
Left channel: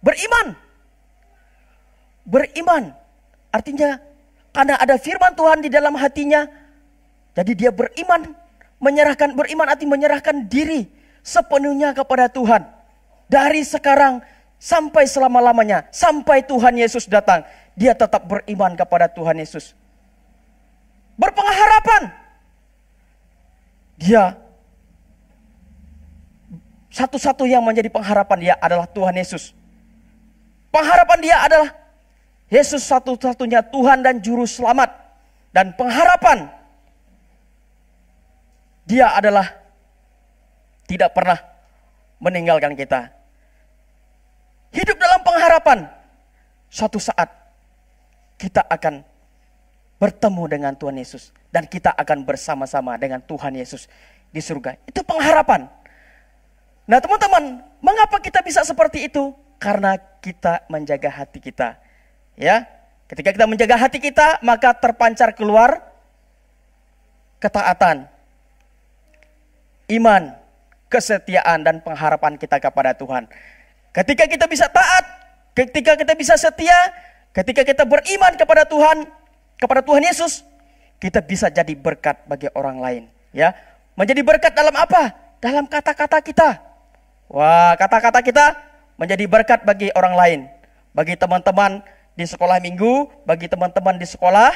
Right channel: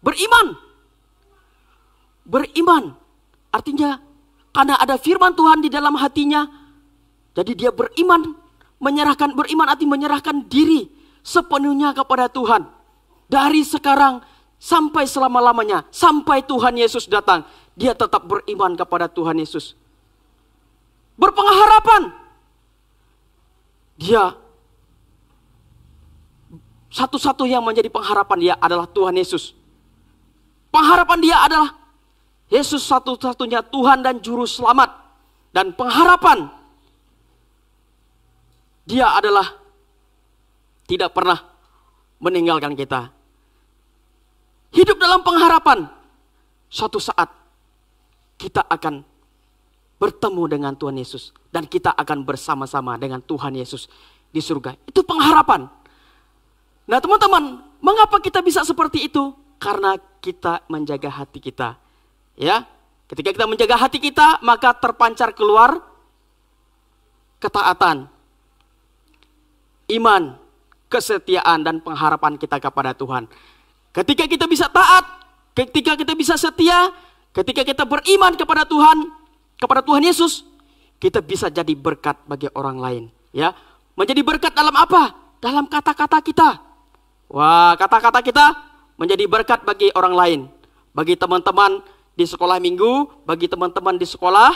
Beriman. Beriman. Artinya karena ada firman Tuhan di dalam hatinya, jadi dia beriman, beriman artinya menyerahkan diri sepenuhnya kepada Tuhan. Dari sekarang sampai selama-lamanya, sampai Tuhan Yesus datang, dia tetap beriman kepada Tuhan Yesus. Berpengharapan. Dia satu-satu yang menjadi pengharapan dia adalah Tuhan Yesus. Pengharapan dia adalah Yesus satu-satunya Tuhan dan Juru Selamat. Dan pengharapan dia adalah tidak pernah meninggalkan kita. Hidup dalam pengharapan. Suatu saat kita akan bertemu dengan Tuhan Yesus. Dan kita akan bersama-sama dengan Tuhan Yesus di surga. Itu pengharapan. Nah teman-teman, mengapa kita bisa seperti itu? Karena kita menjaga hati kita. Ya, ketika kita menjaga hati kita, maka terpancar keluar ketaatan, iman, kesetiaan, dan pengharapan kita kepada Tuhan. Ketika kita bisa taat, ketika kita bisa setia, ketika kita beriman kepada Tuhan Yesus, kita bisa jadi berkat bagi orang lain. Ya, menjadi berkat dalam apa? Dalam kata-kata kita. Wah, kata-kata kita menjadi berkat bagi orang lain, bagi teman-teman di sekolah minggu, bagi teman-teman di sekolah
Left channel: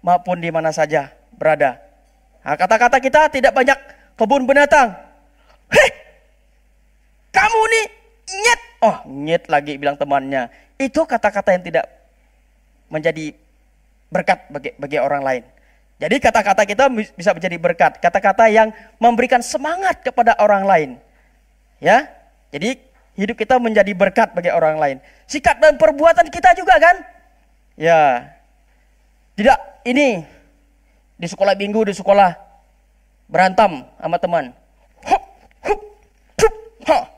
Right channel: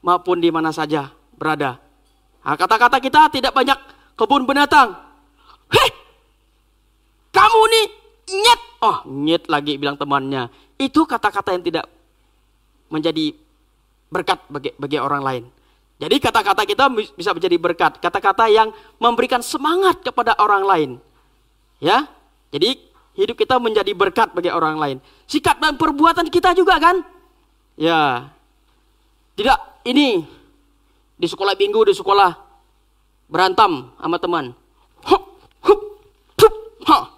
maupun di mana saja berada. Nah, kata-kata kita tidak banyak kebun binatang. Hei, kamu nih nyet. Oh, nyet lagi bilang temannya. Itu kata-kata yang tidak menjadi berkat bagi orang lain. Jadi kata-kata kita bisa menjadi berkat. Kata-kata yang memberikan semangat kepada orang lain. Ya, jadi hidup kita menjadi berkat bagi orang lain. Sikap dan perbuatan kita juga kan? Ya. Tidak ini di sekolah minggu, di sekolah berantem sama teman. Hup, hup, hup, ha.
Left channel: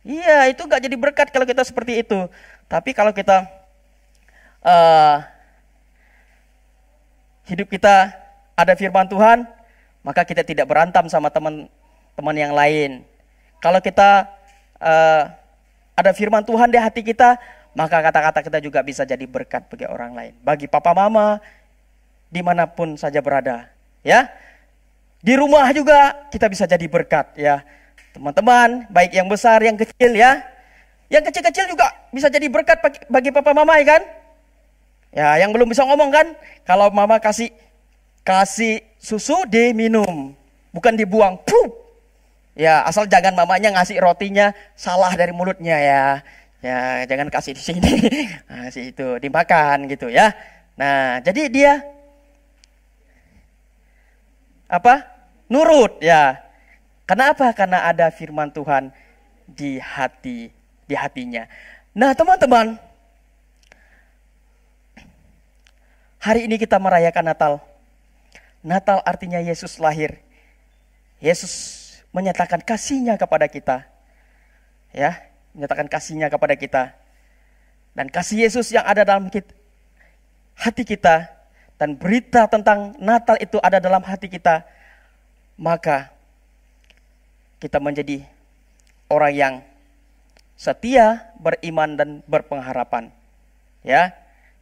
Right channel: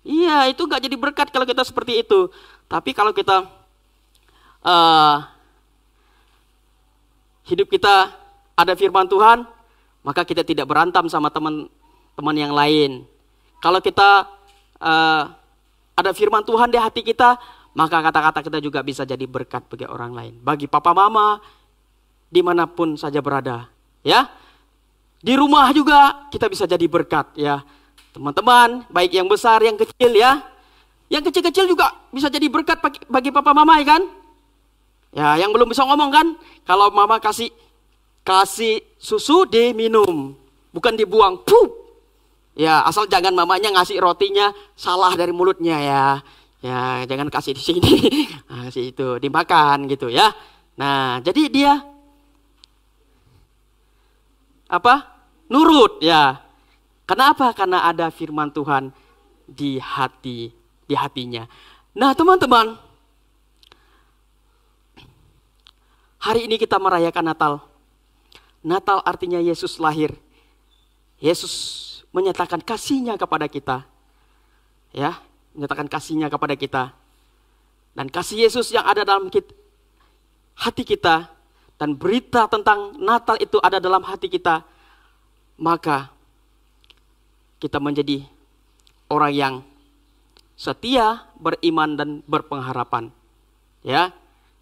Iya, itu gak jadi berkat kalau kita seperti itu. Tapi kalau kita hidup kita ada firman Tuhan, maka kita tidak berantem sama teman-teman yang lain. Kalau kita ada firman Tuhan di hati kita, maka kata-kata kita juga bisa jadi berkat bagi orang lain. Bagi papa mama, dimanapun saja berada. Ya, di rumah juga kita bisa jadi berkat. Ya, teman-teman, baik yang besar, yang kecil ya. Yang kecil-kecil juga bisa jadi berkat bagi papa mama ya kan. Ya, yang belum bisa ngomong kan, kalau mama kasih susu diminum, bukan dibuang. Pup. Ya, asal jangan mamanya ngasih rotinya salah dari mulutnya ya. Ya, jangan kasih di sini. Kasih itu dimakan gitu ya. Nah, jadi dia apa? Nurut ya. Kenapa? Karena ada firman Tuhan di hatinya. Nah, teman-teman, hari ini kita merayakan Natal. Natal artinya Yesus lahir. Yesus menyatakan kasih-Nya kepada kita. Ya, menyatakan kasih-Nya kepada kita. Dan kasih Yesus yang ada dalam hati kita, dan berita tentang Natal itu ada dalam hati kita, maka kita menjadi orang yang setia, beriman, dan berpengharapan. Ya,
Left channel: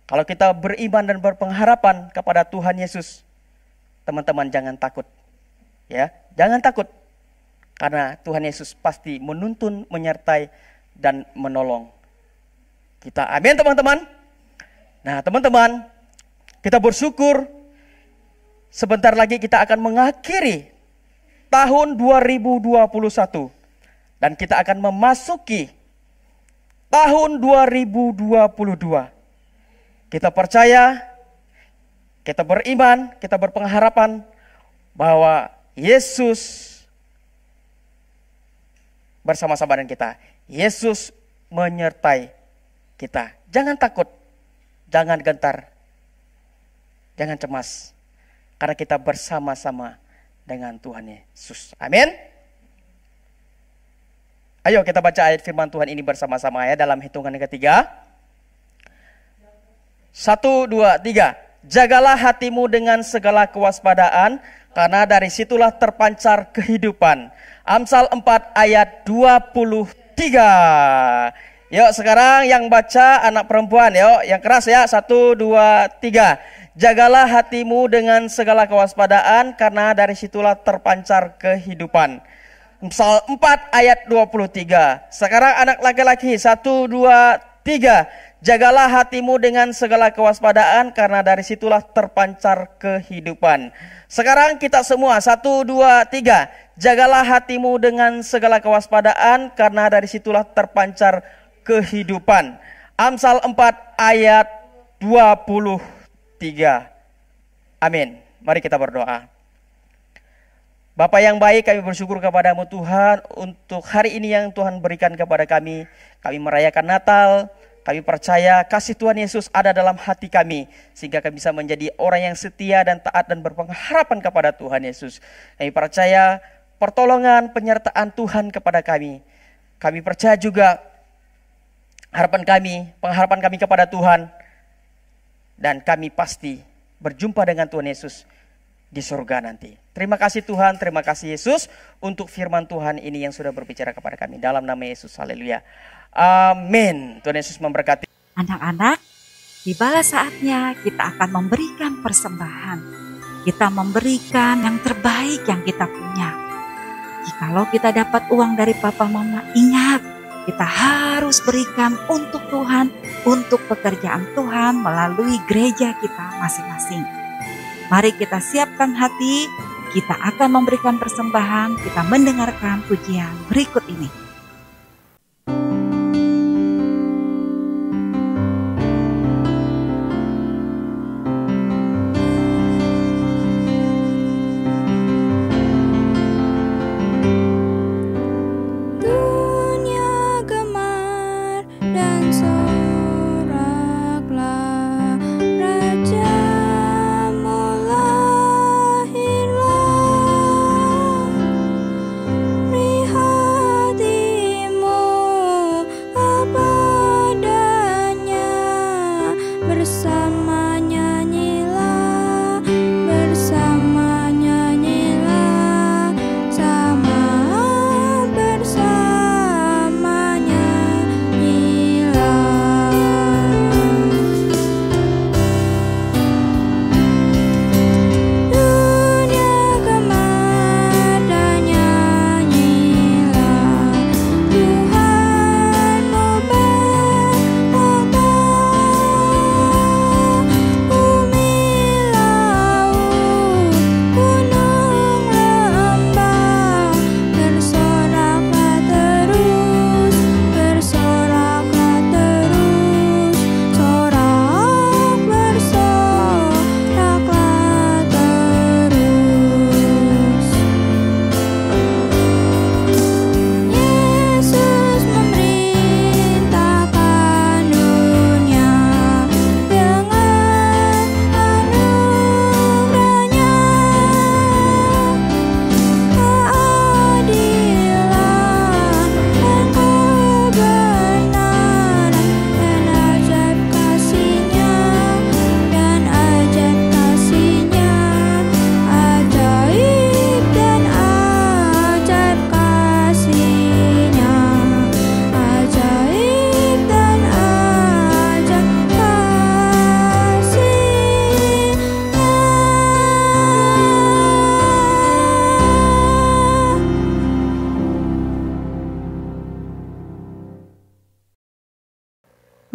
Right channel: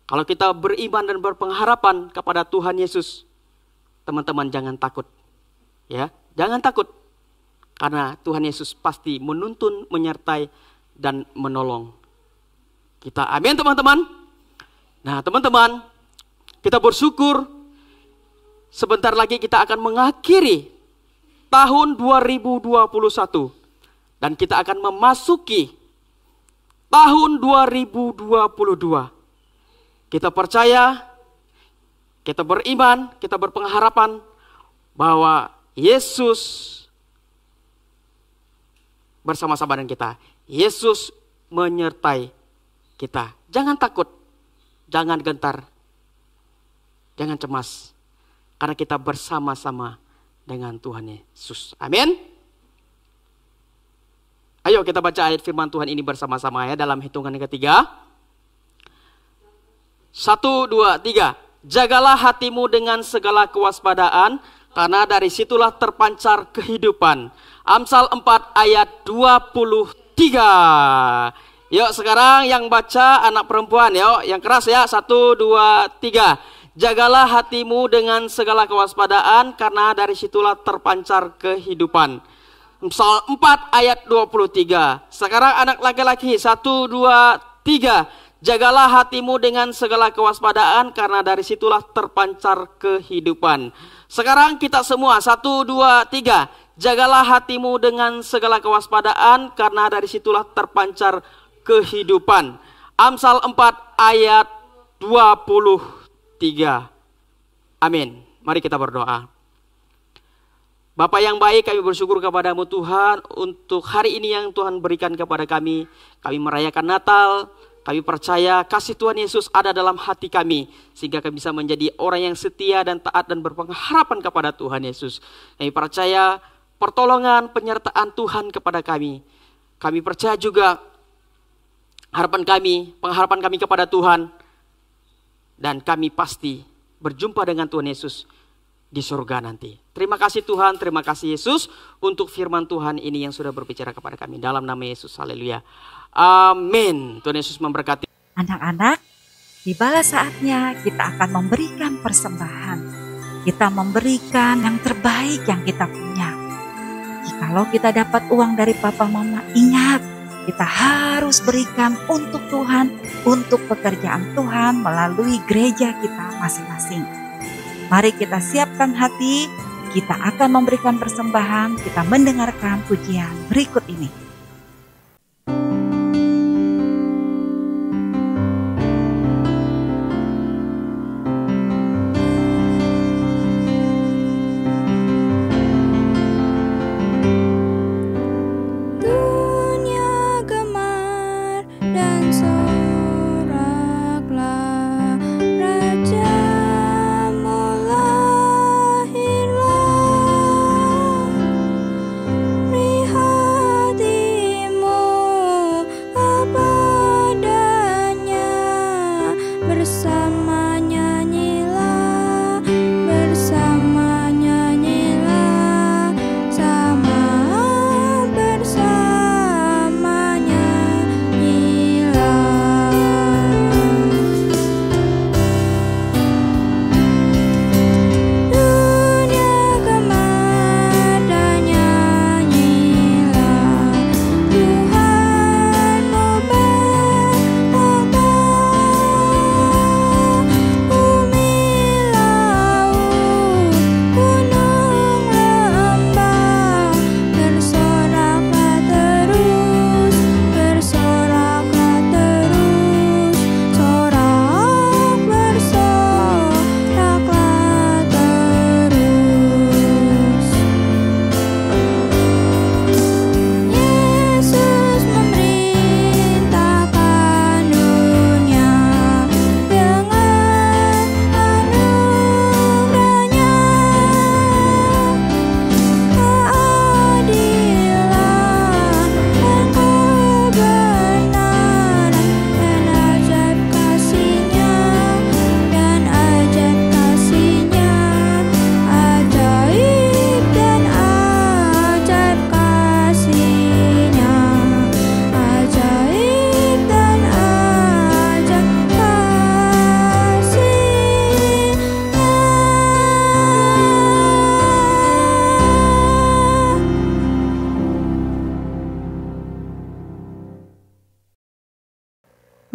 kalau kita beriman dan berpengharapan kepada Tuhan Yesus, teman-teman jangan takut. Ya, jangan takut. Karena Tuhan Yesus pasti menuntun, menyertai, dan menolong kita. Amin teman-teman. Nah teman-teman, kita bersyukur sebentar lagi kita akan mengakhiri tahun 2021. Dan kita akan memasuki tahun 2022. Kita percaya, kita beriman, kita berpengharapan bahwa Yesus bersama-sama dengan kita. Yesus menyertai kita. Jangan takut, jangan gentar, jangan cemas. karena kita bersama-sama dengan Tuhan Yesus. Amin. Ayo kita baca ayat firman Tuhan ini bersama-sama ya, dalam hitungan yang ketiga. 1, 2, 3. Jagalah hatimu dengan segala kewaspadaan, karena dari situlah terpancar kehidupan. Amsal 4 ayat 23. Yuk sekarang yang baca anak perempuan, yuk yang keras ya. 1, 2, 3. Jagalah hatimu dengan segala kewaspadaan, karena dari situlah terpancar kehidupan. Amsal 4 ayat 23. Sekarang anak laki-laki. 1, 2, 3. Jagalah hatimu dengan segala kewaspadaan, karena dari situlah terpancar kehidupan. Sekarang kita semua. 1, 2, 3. Jagalah hatimu dengan segala kewaspadaan, karena dari situlah terpancar kehidupan. Amsal 4 ayat 23. Amin. Mari kita berdoa. Bapa yang baik, kami bersyukur kepadamu Tuhan untuk hari ini yang Tuhan berikan kepada kami. Kami merayakan Natal. Kami percaya kasih Tuhan Yesus ada dalam hati kami, sehingga kami bisa menjadi orang yang setia dan taat dan berpengharapan kepada Tuhan Yesus. Kami percaya pertolongan, penyertaan Tuhan kepada kami. Kami percaya juga pengharapan kami kepada Tuhan. Dan kami pasti berjumpa dengan Tuhan Yesus di surga nanti. Terima kasih Tuhan, terima kasih Yesus untuk firman Tuhan ini yang sudah berbicara kepada kami. Dalam nama Yesus, haleluya. Amin. Tuhan Yesus memberkati. Anak-anak, tibalah saatnya kita akan memberikan persembahan. Kita memberikan yang terbaik yang kita punya. Jikalau kita dapat uang dari papa mama, ingat, kita harus berikan untuk Tuhan, untuk pekerjaan Tuhan melalui gereja kita masing-masing. Mari kita siapkan hati, kita akan memberikan persembahan, kita mendengarkan pujian berikut ini.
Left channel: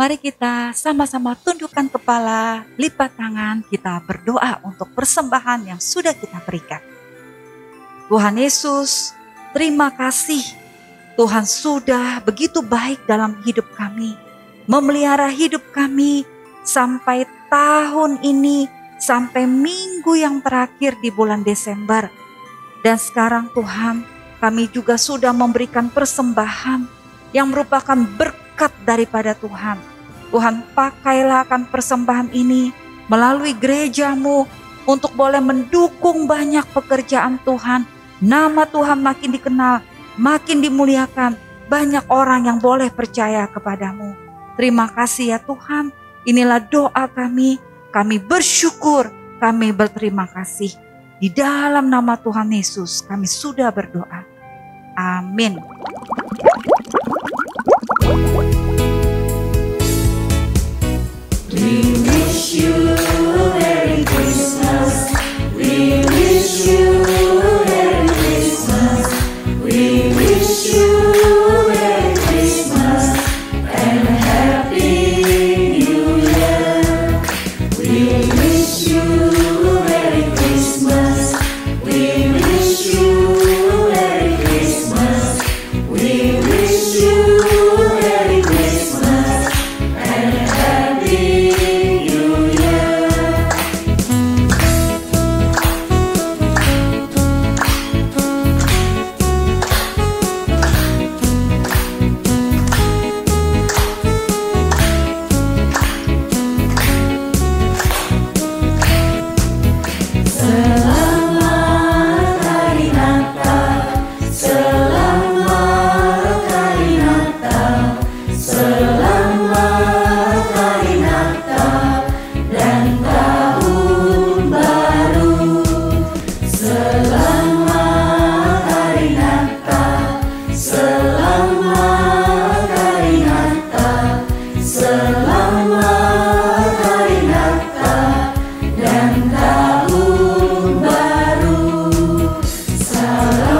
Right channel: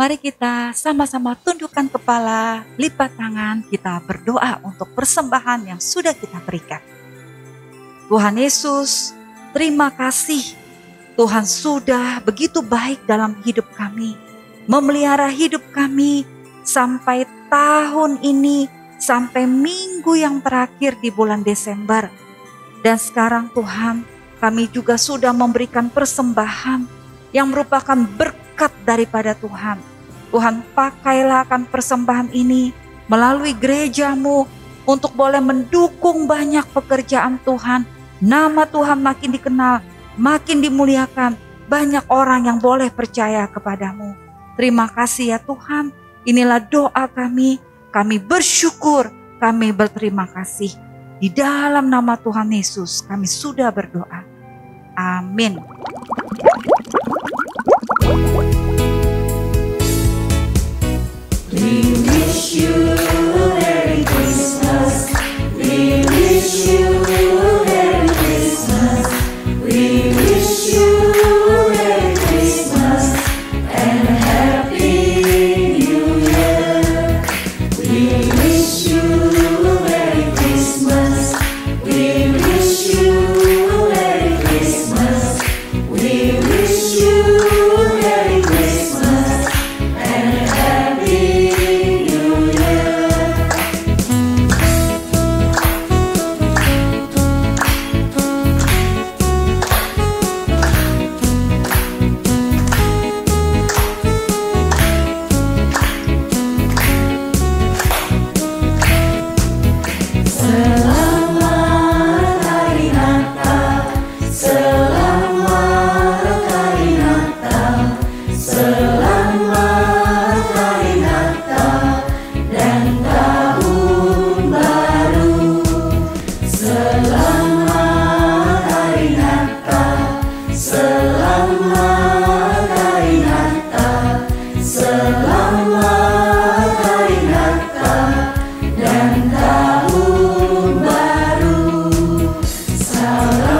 Mari kita sama-sama tundukkan kepala, lipat tangan, kita berdoa untuk persembahan yang sudah kita berikan. Tuhan Yesus, terima kasih. Tuhan sudah begitu baik dalam hidup kami, memelihara hidup kami sampai tahun ini, sampai minggu yang terakhir di bulan Desember. Dan sekarang Tuhan, kami juga sudah memberikan persembahan yang merupakan berkat daripada Tuhan. Tuhan, pakailah akan persembahan ini melalui gerejamu, untuk boleh mendukung banyak pekerjaan Tuhan. Nama Tuhan makin dikenal, makin dimuliakan. Banyak orang yang boleh percaya kepadamu. Terima kasih ya Tuhan. Inilah doa kami. Kami bersyukur, kami berterima kasih. Di dalam nama Tuhan Yesus kami sudah berdoa. Amin. We wish you a Merry Christmas. We wish you a Merry Christmas. We wish you a Merry Christmas and a Happy New Year. We wish you a Merry Christmas. We wish you a Merry Christmas. We wish you a Merry Christmas and a Happy New Year. Selamat Hari Natal, selamat Hari Natal, selamat Hari Natal dan Tahun Baru. Selamat Hari Natal, selamat Hari Natal, selamat Hari Natal dan Tahun Baru. Selamat